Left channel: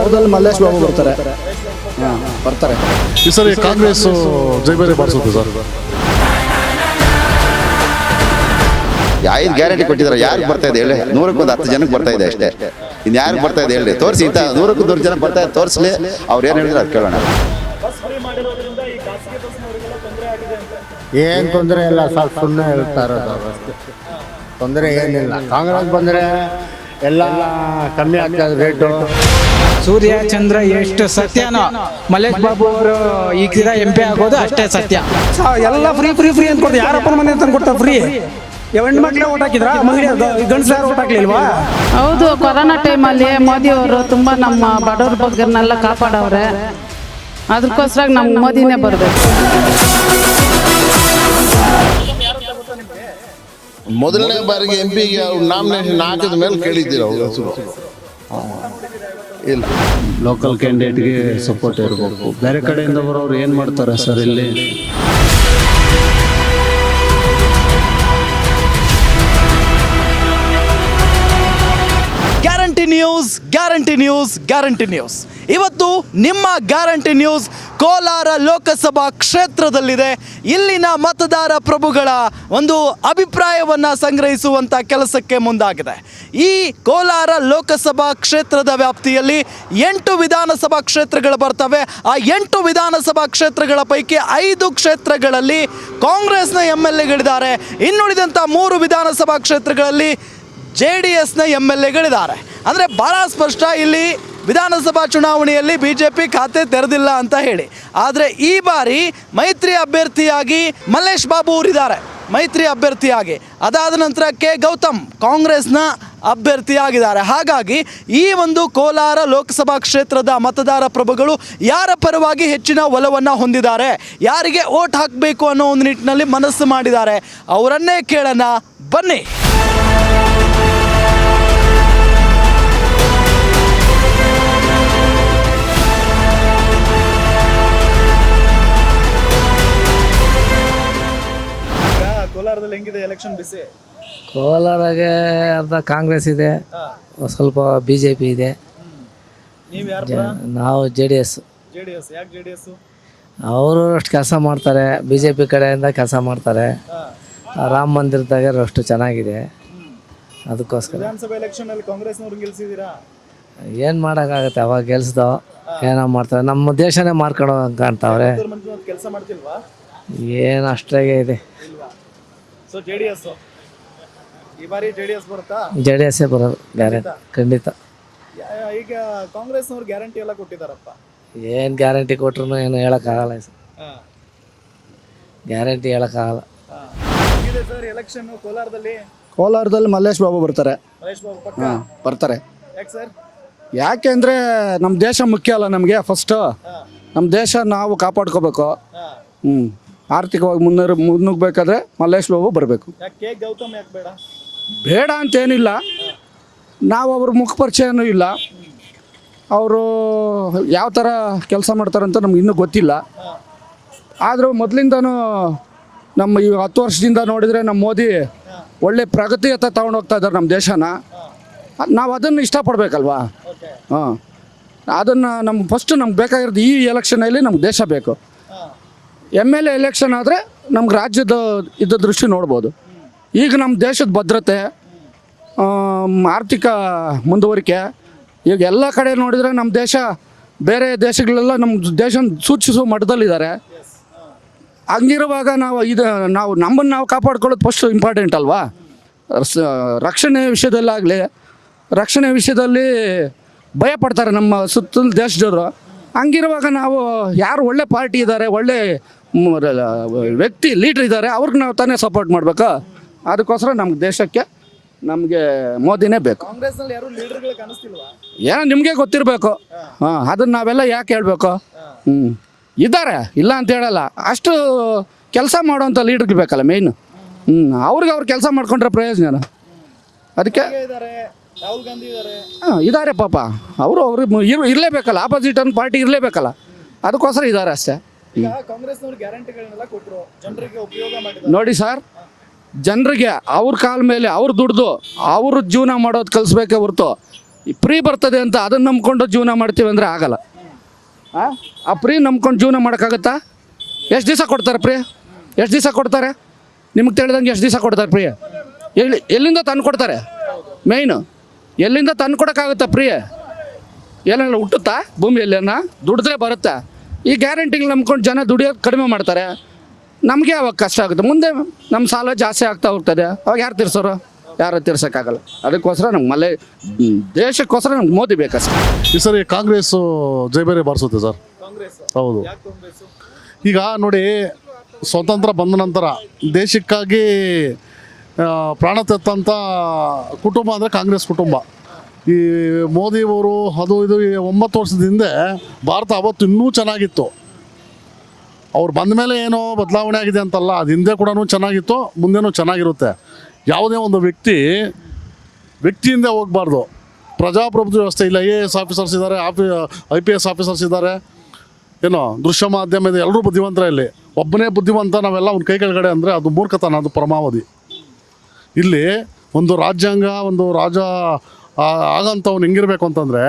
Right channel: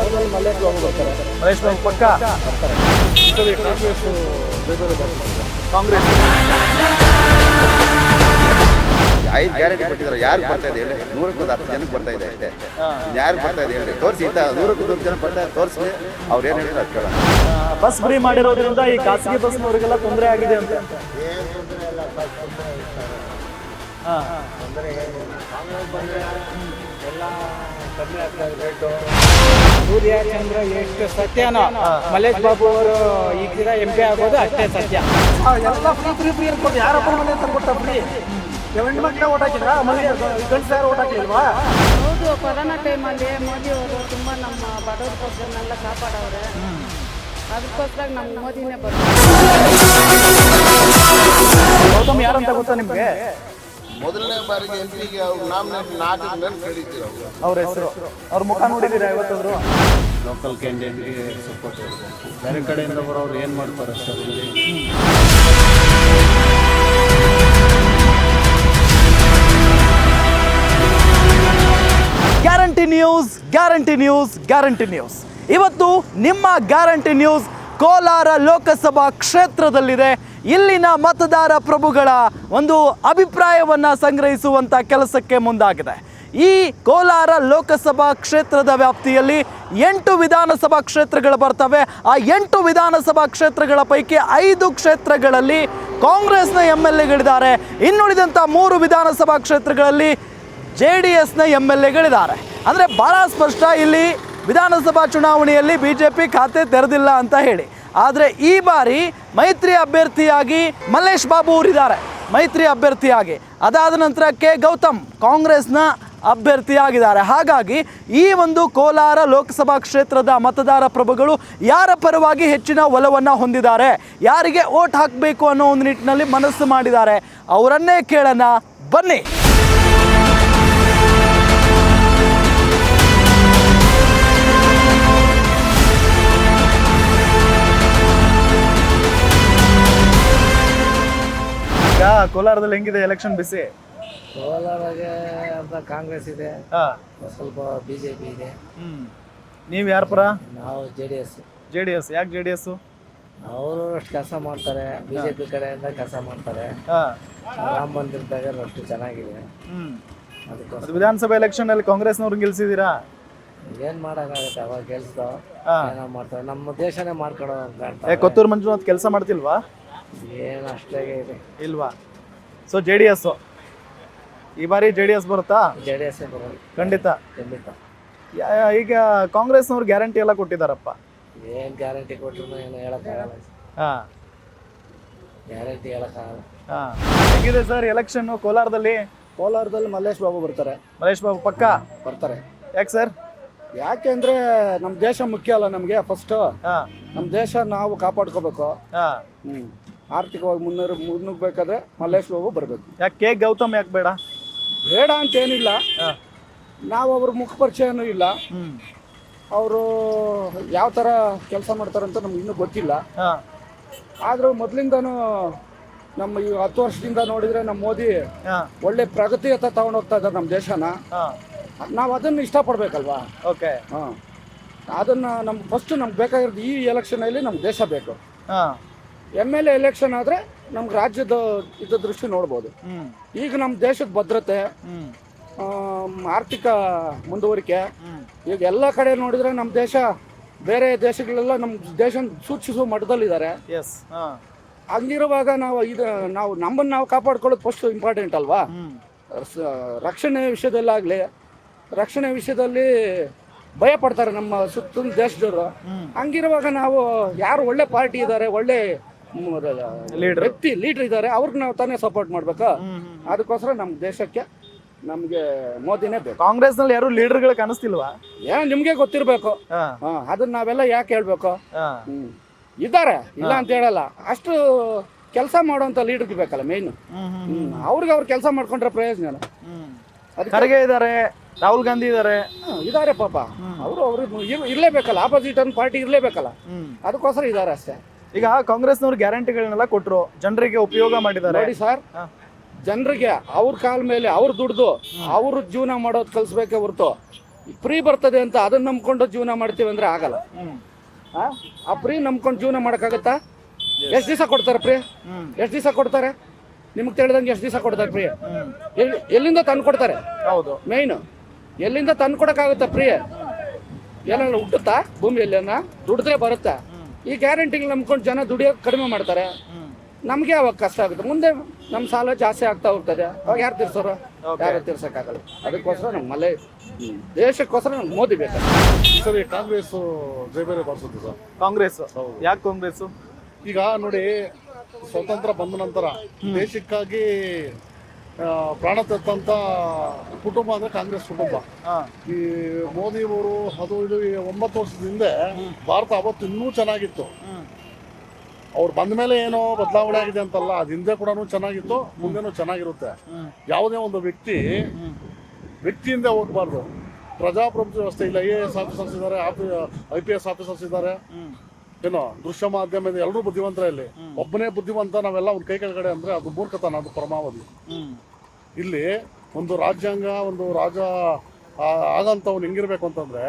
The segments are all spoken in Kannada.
ಕೋಲಾರದಲ್ಲಿ ಮಲ್ಲೇಶ್ ಬಾಬು ಬರ್ತಾರೆ. ಮಹೇಶ್ ಬಾಬು ಪಕ್ಕ ಬರ್ತಾರೆ. ಈ ಸರಿ ಕಾಂಗ್ರೆಸ್ ಜೈಬೇರಿ ಮಾಡಿಸುತ್ತೆ ಸರ್. ಐದು ಗ್ಯಾರಂಟಿ ಕೊಟ್ಟಿದ್ದಾರೆ. ಯಾರಿಗೆ ಬರ್ತಾ ಇದೆ ಹೇಳಿ? 100ಕ್ಕೆ 10 ಜನಕ್ಕೆ ಬರ್ತಾ ಇದೆ ಅಷ್ಟೇ. ಇನ್ನು ಯಾರಿಗೆ ಬರ್ತಾ ಇದೆ ಹೇಳಿ? ತೋರಿಸಿ. ಇಂಥ 100ಕ್ಕೆ 100 ಜನ ಬರ್ತಾ ಇದೆ, ತೋರಿಸ್ಲಿ. ಅವ್ರು ಏನು ಹೇಳಿದ್ರೆ ಅದು ಕೇಳೋಣ. ಬಸ್ ಫ್ರೀ ಮಾಡಿರೋದ್ರಿಂದ ಈ ಖಾಸಗಿ ಬಸ್ನವರಿಗೆಲ್ಲ ತೊಂದರೆ ಆಗಿದೆ ಅಂತ. ಏನು ತೊಂದರೆ ಇಲ್ಲ, ಸ್ವಲ್ಪ ಸುಮ್ಮನೆ ಹೇಳ್ತಾ ಇರೋದು ಅಷ್ಟೇ. ತೊಂದರೆ ಏನಿಲ್ಲ. ಕಾಂಗ್ರೆಸ್ ಬಂದರೆ ಎಲ್ಲ ಕಮ್ಮಿ ಆಗ್ತದೆ ರೇಟು. ಸೂರ್ಯ ಚಂದ್ರ ಎಷ್ಟು ಸತ್ಯನೋ ಮಲ್ಲೇಶ್ ಬಾಬು ಅವರು ಈಗ MP ಆಗೋದು ಅಷ್ಟೇ ಸತ್ಯ. ಎಲ್ಲ ಫ್ರೀ ಫ್ರೀ ಫ್ರೀ ಅಂತ ಕೊಡ್ತಾರೆ. ಯಾರಪ್ಪನ ಮನೆ ಅಂತ ಕೊಡ್ತಾರೆ ಫ್ರೀ? ಹೆಣ್ಣು ಮಕ್ಕಳೇ ಓಟ್ ಹಾಕಿದ್ರ, ಮಹಿಳೆಯರು ಗಂಡಸರು ಓಟ್ ಹಾಕ್ಲಿಲ್ವಾ? ಹೌದು, ಕೊರೋನಾ ಟೈಮಲ್ಲಿ ಮೋದಿ ಅವರು ತುಂಬ ನಮ್ಮ ಬಡವ್ರ ಬಗ್ಗರನ್ನೆಲ್ಲ ಕಾಪಾಡವ್ರೆ. ಅದಕ್ಕೋಸ್ಕರ ನಮ್ಗೆ ಮೋದಿನೇ ಬರಬೇಕು. ಯಾರಂತ ಗೊತ್ತಾ ನಿಮ್ಗೆ? ಮೊದಲನೇ ಬಾರಿಗೆ MP-ಗೆ ನಾಮಿನೇಷನ್ ಹಾಕಿದ ಮೇಲೆ ಕೇಳಿದ್ದೀರ ಅವರು. ಅವ್ರ ಮುಖ ನೋಡಿದ್ದೀರಾ ಇವತ್ತು? ಲೋಕಲ್ ಕ್ಯಾಂಡಿಡೇಟ್ಗೆ ಸಪೋರ್ಟ್ ಇರಬೇಕು. ಬೇರೆ ಕಡೆಯಿಂದ ಬರೋರು ಏನು ಮಾಡ್ತಾರೆ ಸರ್ ಇಲ್ಲಿ? ಗ್ಯಾರಂಟಿ ನ್ಯೂಸ್ ಇವತ್ತು ನಿಮ್ಮ ಗ್ಯಾರಂಟಿ ನ್ಯೂಸ್ ಕೋಲಾರ ಲೋಕಸಭಾ ಕ್ಷೇತ್ರದಲ್ಲಿದೆ. ಇಲ್ಲಿನ ಮತದಾರ ಪ್ರಭುಗಳ ಒಂದು ಅಭಿಪ್ರಾಯವನ್ನ ಸಂಗ್ರಹಿಸುವಂತ ಕೆಲಸಕ್ಕೆ ಮುಂದಾಗಿದೆ. ಈ ಕೋಲಾರ ಲೋಕಸಭಾ ಕ್ಷೇತ್ರದ ವ್ಯಾಪ್ತಿಯಲ್ಲಿ 8 ವಿಧಾನಸಭಾ ಕ್ಷೇತ್ರಗಳು ಬರ್ತವೆ. ಆ 8 ವಿಧಾನಸಭಾ ಕ್ಷೇತ್ರಗಳ ಪೈಕಿ 5 ಕ್ಷೇತ್ರಗಳಲ್ಲಿ ಕಾಂಗ್ರೆಸ್ನ MLAಗಳಿದ್ದಾರೆ. ಇನ್ನುಳಿದಂತ 3 ವಿಧಾನಸಭಾ ಕ್ಷೇತ್ರಗಳಲ್ಲಿ JDSನ MLAಗಳಿದ್ದಾರೆ. ಅಂದರೆ ಬಹಳ ಸ್ಪಷ್ಟ, ಇಲ್ಲಿ ವಿಧಾನಸಭಾ ಚುನಾವಣೆಯಲ್ಲಿ BJP ಖಾತೆ ತೆರೆದಿಲ್ಲ ಅಂತ ಹೇಳಿ. ಆದರೆ ಈ ಬಾರಿ ಮೈತ್ರಿ ಅಭ್ಯರ್ಥಿಯಾಗಿ ಮಲ್ಲೇಶ್ ಬಾಬು ಅವರಿದ್ದಾರೆ, ಮೈತ್ರಿ ಅಭ್ಯರ್ಥಿಯಾಗಿ. ಅದಾದ ನಂತರ K. ಗೌತಮ್ ಕಾಂಗ್ರೆಸ್ನ ಅಭ್ಯರ್ಥಿಯಾಗಿದ್ದಾರೆ. ಹಾಗಾಗಿ ಈ ಒಂದು ಕೋಲಾರ ಲೋಕಸಭಾ ಕ್ಷೇತ್ರದ ಮತದಾರ ಪ್ರಭುಗಳು ಯಾರ ಪರವಾಗಿ ಹೆಚ್ಚಿನ ಒಲವನ್ನು ಹೊಂದಿದ್ದಾರೆ, ಯಾರಿಗೆ ವೋಟ್ ಹಾಕಬೇಕು ಅನ್ನೋ ಒಂದು ನಿಟ್ಟಿನಲ್ಲಿ ಮನಸ್ಸು ಮಾಡಿದ್ದಾರೆ, ಅವರನ್ನೇ ಕೇಳೋಣ ಬನ್ನಿ. ಕೋಲಾರದಲ್ಲಿ ಹೆಂಗಿದೆ ಎಲೆಕ್ಷನ್ ಬಿಸಿ? ಕೋಲಾರಾಗೆ ಅರ್ಧ ಕಾಂಗ್ರೆಸ್ ಇದೆ, ಸ್ವಲ್ಪ BJP ಇದೆ. ನೀವು ಯಾರ ಪರ? ನಾವು JDS. ಯಾಕೆ JDS? ಅವರು ಅಷ್ಟು ಕೆಲಸ ಮಾಡ್ತಾರೆ, BJP ಕಡೆಯಿಂದ ಕೆಲಸ ಮಾಡ್ತಾರೆ. ರಾಮ ಮಂದಿರದಾಗ ಅಷ್ಟು ಚೆನ್ನಾಗಿದೆ. ಅದಕ್ಕೋಸ್ಕರ ವಿಧಾನಸಭೆ ಎಲೆಕ್ಷನ್ ಅಲ್ಲಿ ಕಾಂಗ್ರೆಸ್ನವ್ರು ಗೆಲ್ಸಿದ್ದೀರಾ? ಏನು ಮಾಡೋಕ್ಕಾಗತ್ತೆ, ಅವಾಗ ಗೆಲ್ಸ್ದೋ ಏನೋ ಮಾಡ್ತಾರೆ. ನಮ್ಮ ದೇಶನೇ ಮಾರ್ಕೊಳ್ಳೋ ಕಾಣ್ತಾವ್ರೆ. ಕೊತ್ತೂರು ಮಂಜುನಾಥ್ ಕೆಲಸ ಮಾಡ್ತಿಲ್ವಾ? ಏನು ಅಷ್ಟಾಗೆ ಇದೆ ಇಲ್ವಾ? ಸೊ JDS ಈ ಬಾರಿ JDS ಬರುತ್ತಾ? JDS ಬರೋದು ಖಂಡಿತ. ಈಗ ಕಾಂಗ್ರೆಸ್ನವ್ರು ಗ್ಯಾರಂಟಿ ಎಲ್ಲ ಕೊಟ್ಟಿದ್ದಾರಪ್ಪ. ಏನು ಗ್ಯಾರಂಟಿ ಕೊಟ್ರು ಏನು ಹೇಳೋಕ್ಕಾಗಲ್ಲ ಸರ್. ಗ್ಯಾರಂಟಿ ಹೇಳೋಕ್ಕಾಗಲ್ಲ. ಹೇಗಿದೆ ಸರ್ ಎಲೆಕ್ಷನ್ ಕೋಲಾರದಲ್ಲಿ ಮಲ್ಲೇಶ್ ಬಾಬು ಬರ್ತಾರೆ. ಮಹೇಶ್ ಬಾಬು ಪಕ್ಕ ಬರ್ತಾರೆ. ಯಾಕೆ ಸರ್? ಯಾಕೆಂದ್ರೆ ನಮ್ಮ ದೇಶ ಮುಖ್ಯ ಅಲ್ಲ ನಮಗೆ. ಫಸ್ಟ್ ನಮ್ಮ ದೇಶ ನಾವು ಕಾಪಾಡ್ಕೋಬೇಕು. ಆರ್ಥಿಕವಾಗಿ ಮುನ್ನುಗ್ಬೇಕಾದ್ರೆ ಮಲ್ಲೇಶ್ ಬಾಬು ಬರಬೇಕು. ಯಾಕೆ K. ಗೌತಮ್ ಯಾಕೆ ಬೇಡ? ಬೇಡ ಅಂತೇನಿಲ್ಲ, ನಾವು ಅವ್ರ ಮುಖ ಪರಿಚಯನೂ ಇಲ್ಲ. ಅವರು ಯಾವ ಥರ ಕೆಲಸ ಮಾಡ್ತಾರಂತ ನಮ್ಗೆ ಇನ್ನೂ ಗೊತ್ತಿಲ್ಲ. ಆದರೂ ಮೊದಲಿಂದನೂ ನಮ್ಮ ಈ 10 ವರ್ಷದಿಂದ ನೋಡಿದರೆ ನಮ್ಮ ಮೋದಿ ಒಳ್ಳೆ ಪ್ರಗತಿಯತ್ತ ತಗೊಂಡೋಗ್ತಾ ಇದ್ದಾರೆ ನಮ್ಮ ದೇಶನ. ನಾವು ಅದನ್ನು ಇಷ್ಟಪಡ್ಬೇಕಲ್ವಾ? ಹಾಂ, ಅದನ್ನು ನಮ್ಗೆ ಬೇಕಾಗಿರೋದು ಈ ಎಲೆಕ್ಷನಲ್ಲಿ ನಮ್ಗೆ ದೇಶ ಬೇಕು. MLA ಎಲೆಕ್ಷನ್ ಆದರೆ ನಮ್ಗೆ ರಾಜ್ಯದ ದೃಷ್ಟಿ ನೋಡ್ಬೋದು. ಈಗ ನಮ್ಮ ದೇಶದ ಭದ್ರತೆ, ಆರ್ಥಿಕ ಮುಂದುವರಿಕೆ, ಈಗ ಎಲ್ಲ ಕಡೆ ನೋಡಿದರೆ ನಮ್ಮ ದೇಶ ಬೇರೆ ದೇಶಗಳೆಲ್ಲ ನಮ್ಮ ದೇಶ ಸೂಚಿಸುವ ಮಟ್ಟದಲ್ಲಿದ್ದಾರೆ. ಹಂಗಿರುವಾಗ ನಾವು ನಮ್ಮನ್ನು ನಾವು ಕಾಪಾಡ್ಕೊಳ್ಳೋದು ಫಸ್ಟ್ ಇಂಪಾರ್ಟೆಂಟ್ ಅಲ್ವಾ? ರಕ್ಷಣೆ ವಿಷಯದಲ್ಲಿ ಭಯ ಪಡ್ತಾರೆ ನಮ್ಮ ಸುತ್ತಲ ದೇಶದವರು. ಹಂಗಿರುವಾಗ ನಾವು ಯಾರು ಒಳ್ಳೆ ಪಾರ್ಟಿ ಇದ್ದಾರೆ, ಒಳ್ಳೆ ವ್ಯಕ್ತಿ ಲೀಡರ್ ಇದ್ದಾರೆ, ಅವ್ರಿಗೆ ನಾವು ತಾನೇ ಸಪೋರ್ಟ್ ಮಾಡ್ಬೇಕು. ಅದಕ್ಕೋಸ್ಕರ ನಮ್ಮ ದೇಶಕ್ಕೆ ನಮಗೆ ಮೋದಿನೇ ಬೇಕು. ಕಾಂಗ್ರೆಸ್ನಲ್ಲಿ ಯಾರು ಲೀಡರ್ಗಳು ಕಾಣಿಸ್ತಿಲ್ವಾ? ಏನೋ ನಿಮಗೆ ಗೊತ್ತಿರಬೇಕು. ಅದನ್ನ ನಾವೆಲ್ಲ ಯಾಕೆ ಹೇಳ್ಬೇಕು? ಇದ್ದಾರೆ, ಇಲ್ಲ ಅಂತ ಹೇಳಲ್ಲ. ಅಷ್ಟು ಕೆಲಸ ಮಾಡುವಂಥ ಲೀಡರ್ಗಳು ಬೇಕಲ್ಲ ಮೇಯ್ನು. ಅವ್ರಿಗೆ ಅವ್ರು ಕೆಲಸ ಮಾಡ್ಕೊಂಡ್ರೆ ಪ್ರಯೋಜನ. ಅದಕ್ಕೆ ಇದ್ದಾರೆ, ರಾಹುಲ್ ಗಾಂಧಿ ಇದ್ದಾರೆ ಪಾಪ. ಅವರು ಇರಲೇಬೇಕಲ್ಲ, ಆಪೋಸಿಟ್ ಒಂದು ಪಾರ್ಟಿ ಇರಲೇಬೇಕಲ್ಲ, ಅದಕ್ಕೋಸ್ಕರ ಇದ್ದಾರೆ ಅಷ್ಟೇ. ಈಗ ಕಾಂಗ್ರೆಸ್ನವ್ರು ಗ್ಯಾರಂಟಿಗಳನ್ನೆಲ್ಲ ಕೊಟ್ಟರು, ಜನರಿಗೆ ಉಪಯೋಗ ಮಾಡಿದ್ದಾರೆ. ನೋಡಿ ಸರ್, ಜನರಿಗೆ ಅವ್ರ ಕಾಲ ಮೇಲೆ ಅವ್ರು ದುಡ್ದು ಅವ್ರ ಜೀವನ ಮಾಡೋದು ಕಲಿಸ್ಬೇಕೇ ಹೊರತು ಫ್ರೀ ಬರ್ತದೆ ಅಂತ ಅದನ್ನ ನಂಬ್ಕೊಂಡು ಜೀವನ ಮಾಡ್ತೀವಿ ಅಂದ್ರೆ ಆಗಲ್ಲ. ಆ ಫ್ರೀ ನಂಬ್ಕೊಂಡು ಜೀವನ ಮಾಡೋಕ್ಕಾಗತ್ತಾ? ಎಷ್ಟು ದಿವಸ ಕೊಡ್ತಾರೆ ಫ್ರೀ? ಎಷ್ಟು ದಿವಸ ಕೊಡ್ತಾರೆ? ನಿಮ್ಗೆ ತಿಳಿದಂಗೆ ಎಷ್ಟು ದಿವಸ ಕೊಡ್ತಾರೆ ಫ್ರೀ? ಎಲ್ಲಿಂದ ತಂದು ಕೊಡ್ತಾರೆ? ಮೇಯ್ನು ಎಲ್ಲಿಂದ ತಂದು ಕೊಡೋಕ್ಕಾಗುತ್ತಾ ಫ್ರೀ? ಏನೆಲ್ಲ ಹುಟ್ಟುತ್ತಾ ಭೂಮಿಯಲ್ಲೇನ? ದುಡಿದ್ರೆ ಬರುತ್ತಾ? ಈ ಗ್ಯಾರಂಟಿಗೆ ನಂಬ್ಕೊಂಡು ಜನ ದುಡಿಯೋದು ಕಡಿಮೆ ಮಾಡ್ತಾರೆ. ನಮಗೆ ಅವಾಗ ಕಷ್ಟ ಆಗುತ್ತೆ. ಮುಂದೆ ನಮ್ಮ ಸಾಲ ಜಾಸ್ತಿ ಆಗ್ತಾ ಹೋಗ್ತದೆ. ಅವಾಗ ಯಾರು ತೀರ್ಸೋರು? ಯಾರು ತೀರ್ಸೋಕ್ಕಾಗಲ್ಲ. ಅದಕ್ಕೋಸ್ಕರ ನಮ್ಗೆ ದೇಶಕ್ಕೋಸ್ಕರ ನಮ್ಗೆ ಮೋದಿ ಬೇಕಷ್ಟೇ. ಈ ಸರಿ ಕಾಂಗ್ರೆಸ್ ಜೈಬೇರಿ ಬಾರಿಸುತ್ತೆ ಸರ್. ಕಾಂಗ್ರೆಸ್? ಹೌದು. ಯಾಕೆ ಕಾಂಗ್ರೆಸ್? ಈಗ ನೋಡಿ, ಸ್ವತಂತ್ರ ಬಂದ ನಂತರ ದೇಶಕ್ಕಾಗಿ ಪ್ರಾಣ ತೆತ್ತಂತ ಕುಟುಂಬ ಅಂದರೆ ಕಾಂಗ್ರೆಸ್ ಕುಟುಂಬ. ಈ ಮೋದಿಯವರು ಅದು ಇದು 9 ವರ್ಷದ ಹಿಂದೆ ಭಾರತ ಅವತ್ತು ಇನ್ನೂ ಚೆನ್ನಾಗಿತ್ತು. ಅವ್ರು ಬಂದ ಮೇಲೆ ಏನೋ ಬದಲಾವಣೆ ಆಗಿದೆ ಅಂತಲ್ಲ, ಅದು ಹಿಂದೆ ಕೂಡ ಚೆನ್ನಾಗಿತ್ತು, ಮುಂದೆನೂ ಚೆನ್ನಾಗಿರುತ್ತೆ. ಯಾವುದೇ ಒಂದು ವ್ಯಕ್ತಿಯಿಂದ ಹೋಗಬಾರ್ದು. ಪ್ರಜಾಪ್ರಭುತ್ವ ವ್ಯವಸ್ಥೆ ಇಲ್ಲ. AS ಆಫೀಸರ್ಸ್ ಇದ್ದಾರೆ, IPS ಆಫೀಸರ್ಸ್ ಇದ್ದಾರೆ, ಏನೋ ದೃಶ್ಯ ಮಾಧ್ಯಮ ಇದೆ, ಎಲ್ಲರೂ ಬುದ್ಧಿವಂತರ. ಇಲ್ಲಿ ಒಬ್ಬನೇ ಬುದ್ಧಿವಂತ ನಾವೆಲ್ಲ ಒಂದು ಕೈ ಕೆಳಗಡೆ ಅಂದರೆ ಅದು ಮೂರ್ಖತನ, ಅದು ಪರಮಾವಧಿ. ಇಲ್ಲಿ ಒಂದು ರಾಜ್ಯಾಂಗ, ಒಂದು ರಾಜ ಆಗಂತವ್ನು ಹೆಂಗಿರ್ಬೇಕು ಅಂತಂದ್ರೆ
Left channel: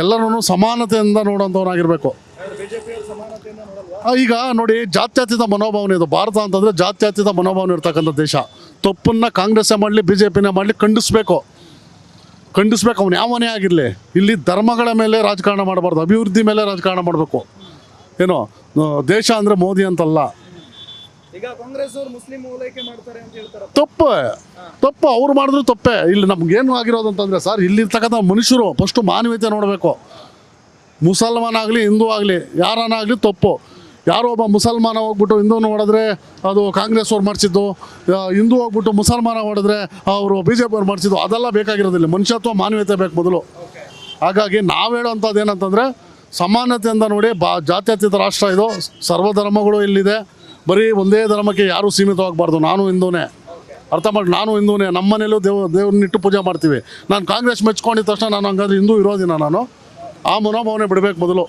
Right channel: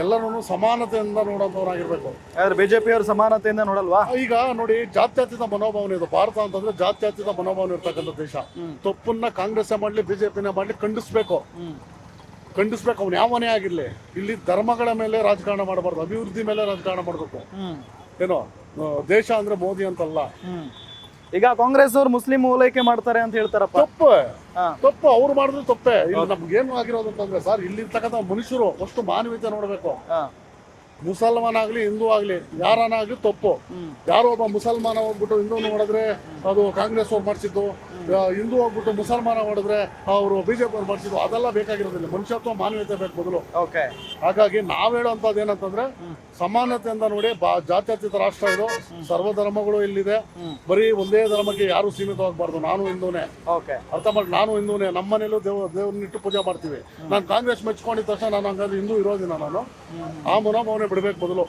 ಎಲ್ಲರೂ ಸಮಾನತೆಯಿಂದ ನೋಡೋಂಥವ್ನಾಗಿರ್ಬೇಕು. ಬಿಜೆಪಿ ಅವರು ಸಮಾನತೆಯಿಂದ ನೋಡಲ್ವಾ? ಈಗ ನೋಡಿ, ಜಾತ್ಯತೀತ ಮನೋಭಾವನೆ ಇದು. ಭಾರತ ಅಂತಂದ್ರೆ ಜಾತ್ಯತೀತ ಮನೋಭಾವನೆ ಇರ್ತಕ್ಕಂಥ ದೇಶ. ತಪ್ಪನ್ನ ಕಾಂಗ್ರೆಸ್ಸೇ ಮಾಡಲಿ, BJPನೇ ಮಾಡಲಿ, ಖಂಡಿಸ್ಬೇಕು. ಅವ್ನು ಯಾವನೇ ಆಗಿರಲಿ. ಇಲ್ಲಿ ಧರ್ಮಗಳ ಮೇಲೆ ರಾಜಕಾರಣ ಮಾಡಬಾರ್ದು, ಅಭಿವೃದ್ಧಿ ಮೇಲೆ ರಾಜಕಾರಣ ಮಾಡಬೇಕು. ಏನೋ ದೇಶ ಅಂದ್ರೆ ಮೋದಿ ಅಂತಲ್ಲ. ಈಗ ಕಾಂಗ್ರೆಸ್ ಅವರು ಮುಸ್ಲಿಂ ಓಲೈಕೆ ಮಾಡ್ತಾರೆ ಅಂತ ಹೇಳ್ತಾರ. ತಪ್ಪು ಅವ್ರು ಮಾಡಿದ್ರು ತಪ್ಪೇ. ಇಲ್ಲಿ ನಮ್ಗೇನು ಆಗಿರೋದು ಅಂತಂದ್ರೆ ಸರ್, ಇಲ್ಲಿರ್ತಕ್ಕಂಥ ಮನುಷ್ಯರು ಫಸ್ಟ್ ಮಾನವೀಯತೆ ನೋಡಬೇಕು. ಮುಸಲ್ಮಾನ ಆಗಲಿ, ಹಿಂದೂ ಆಗಲಿ, ಯಾರನ್ನಾಗಲಿ ತಪ್ಪು. ಯಾರೋ ಒಬ್ಬ ಮುಸಲ್ಮಾನ ಹೋಗ್ಬಿಟ್ಟು ಹಿಂದೂ ನೋಡಿದ್ರೆ ಅದು ಕಾಂಗ್ರೆಸ್ ಅವ್ರು ಮಾಡಿಸಿದ್ದು, ಹಿಂದೂ ಹೋಗ್ಬಿಟ್ಟು ಮುಸಲ್ಮಾನ ನೋಡಿದ್ರೆ ಅವರು BJP ಅವ್ರು ಮಾಡಿಸಿದ್ದು, ಅದೆಲ್ಲ ಬೇಕಾಗಿರೋದಿಲ್ಲ. ಮನುಷ್ಯತ್ವ, ಮಾನವೀಯತೆ ಬೇಕು ಮೊದಲು. ಹಾಗಾಗಿ ನಾವು ಹೇಳೋಂಥದ್ದು ಏನಂತಂದ್ರೆ ಸಮಾನತೆಯಿಂದ ನೋಡಿ. ಜಾತ್ಯತೀತ ರಾಷ್ಟ್ರ ಇದು, ಸರ್ವಧರ್ಮಗಳು ಇಲ್ಲಿದೆ. ಬರೀ ಒಂದೇ ಧರ್ಮಕ್ಕೆ ಯಾರು ಸೀಮಿತವಾಗಬಾರ್ದು. ನಾನು ಹಿಂದೂನೇ, ಅರ್ಥ ಮಾಡಿ, ನಾನು ಹಿಂದೂನೇ. ನಮ್ಮ ಮನೇಲೂ ದೇವ್ರನ್ನಿಟ್ಟು ಪೂಜೆ ಮಾಡ್ತೀವಿ. ನಾನು ಕಾಂಗ್ರೆಸ್ ಮೆಚ್ಕೊಂಡಿದ ತಕ್ಷಣ ನಾನು ಹಂಗಾದ್ರೆ ಹಿಂದೂ ಇರೋದಿನ? ನಾನು ಆ ಮನೋಭಾವನೆ ಬಿಡಬೇಕು ಮೊದಲು.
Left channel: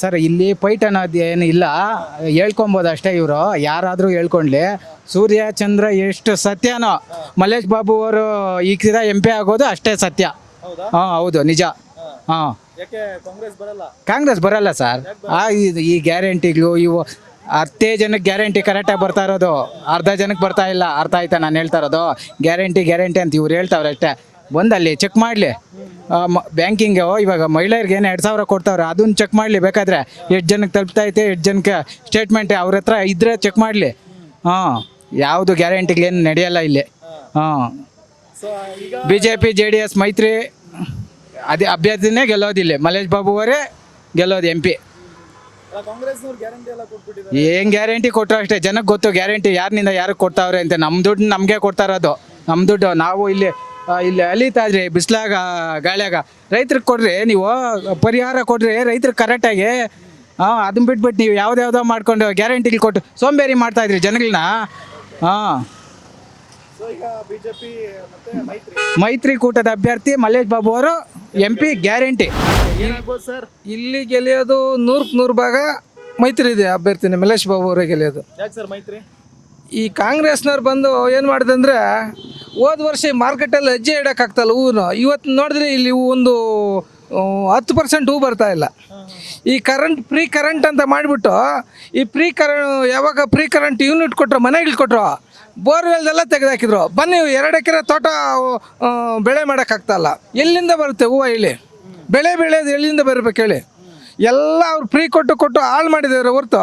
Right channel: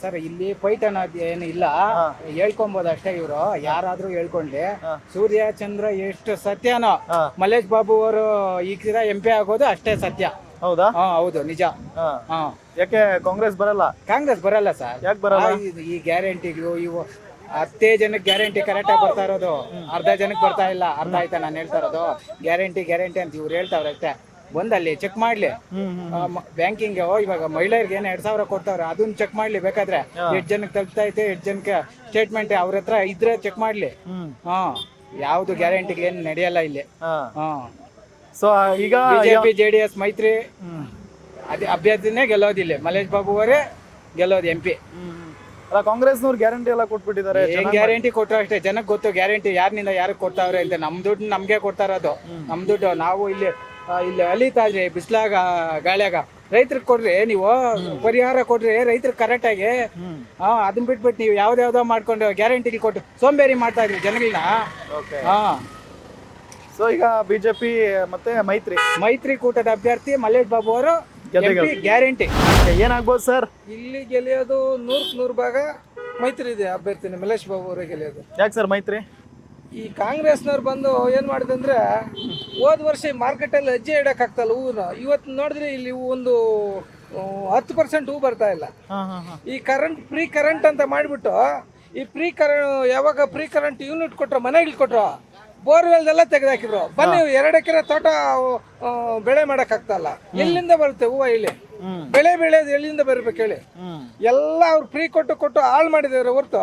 ಸರ್, ಇಲ್ಲಿ ಫೈಟ್ ಅನ್ನೋದು ಏನು ಇಲ್ಲ, ಹೇಳ್ಕೊಬೋದು ಅಷ್ಟೇ. ಇವರು ಯಾರಾದ್ರೂ ಹೇಳ್ಕೊಂಡ್ಲಿ. ಸೂರ್ಯ ಚಂದ್ರ ಎಷ್ಟು ಸತ್ಯನೋ, ಮಲ್ಲೇಶ್ ಬಾಬು ಅವರು ಈಗ MP ಆಗೋದು ಅಷ್ಟೇ ಸತ್ಯ. ಹೌದು, ನಿಜ. ಯಾಕೆ ಕಾಂಗ್ರೆಸ್ ಬರಲ್ಲ ಸರ್. ಈ ಗ್ಯಾರಂಟಿಗಳು ಇವು 10 ಜನಕ್ಕೆ ಗ್ಯಾರಂಟಿ ಕರೆಕ್ಟಾಗಿ ಬರ್ತಾ ಇರೋದು, ಅರ್ಧ ಜನಕ್ಕೆ ಬರ್ತಾ ಇಲ್ಲ. ಅರ್ಥ ಆಯ್ತಾ ನಾನು ಹೇಳ್ತಾ ಇರೋದು? ಗ್ಯಾರಂಟಿ ಅಂತ ಇವ್ರು ಹೇಳ್ತಾವ್ರೆ ಅಷ್ಟೇ. ಬಂದಲ್ಲಿ ಚೆಕ್ ಮಾಡಲಿ. ಬ್ಯಾಂಕಿಂಗ್ ಇವಾಗ ಮಹಿಳೆಯರಿಗೆ ಏನು 2000 ಕೊಡ್ತಾವ್ರೆ, ಅದನ್ನ ಚೆಕ್ ಮಾಡಲಿ. ಬೇಕಾದ್ರೆ 8 ಜನಕ್ಕೆ ತಲುಪ್ತೈತೆ, 8 ಜನಕ್ಕೆ ಸ್ಟೇಟ್ಮೆಂಟ್ ಅವ್ರ ಹತ್ರ ಇದ್ರೆ ಚೆಕ್ ಮಾಡಲಿ. ಯಾವುದು ಗ್ಯಾರಂಟಿಗಳೇನು ನಡೆಯಲ್ಲ ಇಲ್ಲಿ. BJP JDS ಮೈತ್ರಿ ಅದೇ ಅಭ್ಯರ್ಥಿನೇ ಗೆಲ್ಲೋದಿಲ್ಲ. ಮಲ್ಲೇಶ್ ಬಾಬು ಅವರೇ ಗೆಲ್ಲೋದು MP. ಕಾಂಗ್ರೆಸ್ನವ್ರು ಗ್ಯಾರಂಟಿ ಎಲ್ಲ ಕೊಟ್ಬಿಟ್ಟಿದ್ದಾರೆ. ಏನ್ ಗ್ಯಾರಂಟಿ ಕೊಟ್ಟರು ಅಷ್ಟೇ, ಜನಕ್ಕೆ ಗೊತ್ತು ಗ್ಯಾರಂಟಿ ಯಾರಿನಿಂದ ಯಾರಿಗೆ ಕೊಡ್ತಾವ್ರೆ ಅಂತ. ನಮ್ಮ ದುಡ್ಡು ನಮಗೆ ಕೊಡ್ತಾ ಇರೋದು, ನಮ್ಮ ದುಡ್ಡು. ನಾವು ಇಲ್ಲಿ ಅಲಿತಾ ಇದ್ರಿ ಬಿಸಿಲಾಗ ಗಾಳಿಯಾಗ. ರೈತರಿಗೆ ಕೊಡ್ರಿ, ನೀವು ಪರಿಹಾರ ಕೊಡ್ರಿ ರೈತರಿಗೆ ಕರೆಕ್ಟಾಗಿ. ಅದನ್ನ ಬಿಟ್ಬಿಟ್ಟು ನೀವು ಯಾವ್ದಾವ್ದೋ ಮಾಡ್ಕೊಂಡು ಗ್ಯಾರಂಟಿಗಳು ಕೊಟ್ಟು ಸೋಂಬೇರಿ ಮಾಡ್ತಾ ಇದ್ರಿ ಜನಗಳನ್ನ. ಈಗ ಬಿಜೆಪಿ ಮತ್ತೆ ಮೈತ್ರಿಕೂಟದ ಅಭ್ಯರ್ಥಿ ಮಲ್ಲೇಶ್ ಬಾಬು ಅವರು MP ಗ್ಯಾರಂಟಿ. ಏನಾಗ್ಬೋದು ಸರ್? ಇಲ್ಲಿ ಗೆಳೆಯೋದು 100% ಭಾಗ ಮೈತ್ರಿ ಇದೆ ಅಭ್ಯರ್ಥಿನೇ ಮಲ್ಲೇಶ್ ಬಾಬು ಅವರೇ ಗೆಳೆಯೋದು. ಯಾಕೆ ಸರ್ ಮೈತ್ರಿ? ಈ ಕಾಂಗ್ರೆಸ್ನವ್ರು ಬಂದು ಏನು ಮಾಡಿದಂದ್ರೆ, ಹೋದ ವರ್ಷ ಮಾರ್ಕೆಟಲ್ಲಿ ಹೆಜ್ಜೆ ಇಡೋಕ್ಕಾಗ್ತಲ್ಲ ಹೂವು. ಇವತ್ತು ನೋಡಿದ್ರೆ ಇಲ್ಲಿ ಒಂದು 10% ಹೂ ಬರ್ತಾ ಇಲ್ಲ. ಈ ಫ್ರೀ ಕರೆಂಟ್ ಅಂತ ಮಾಡಿಬಿಟ್ಟು, ಈ ಯಾವಾಗ ಫ್ರೀ ಕರೆಂಟ್ ಯೂನಿಟ್ ಕೊಟ್ಟರು, ಮನೆಗಳು ಕೊಟ್ಟರು, ಬೋರ್ವೆಲ್ದೆಲ್ಲ ತೆಗೆದಾಕಿದ್ರು. ಬನ್ನಿ 2 ಎಕರೆ ತೋಟ ಬೆಳೆ ಮಾಡೋಕ್ಕಾಗ್ತಲ್ಲ. ಎಲ್ಲಿಂದ ಬರುತ್ತೆ ಹೂವು? ಇಲ್ಲಿ ಬೆಳೆ ಬೆಳೆಯೋದು ಎಲ್ಲಿಂದ ಬರಬೇಕು ಹೇಳಿ? ಎಲ್ಲ ಅವ್ರು ಫ್ರೀ ಕೊಟ್ಟು ಹಾಳು ಮಾಡಿದ್ದಾರೆ ಹೊರತು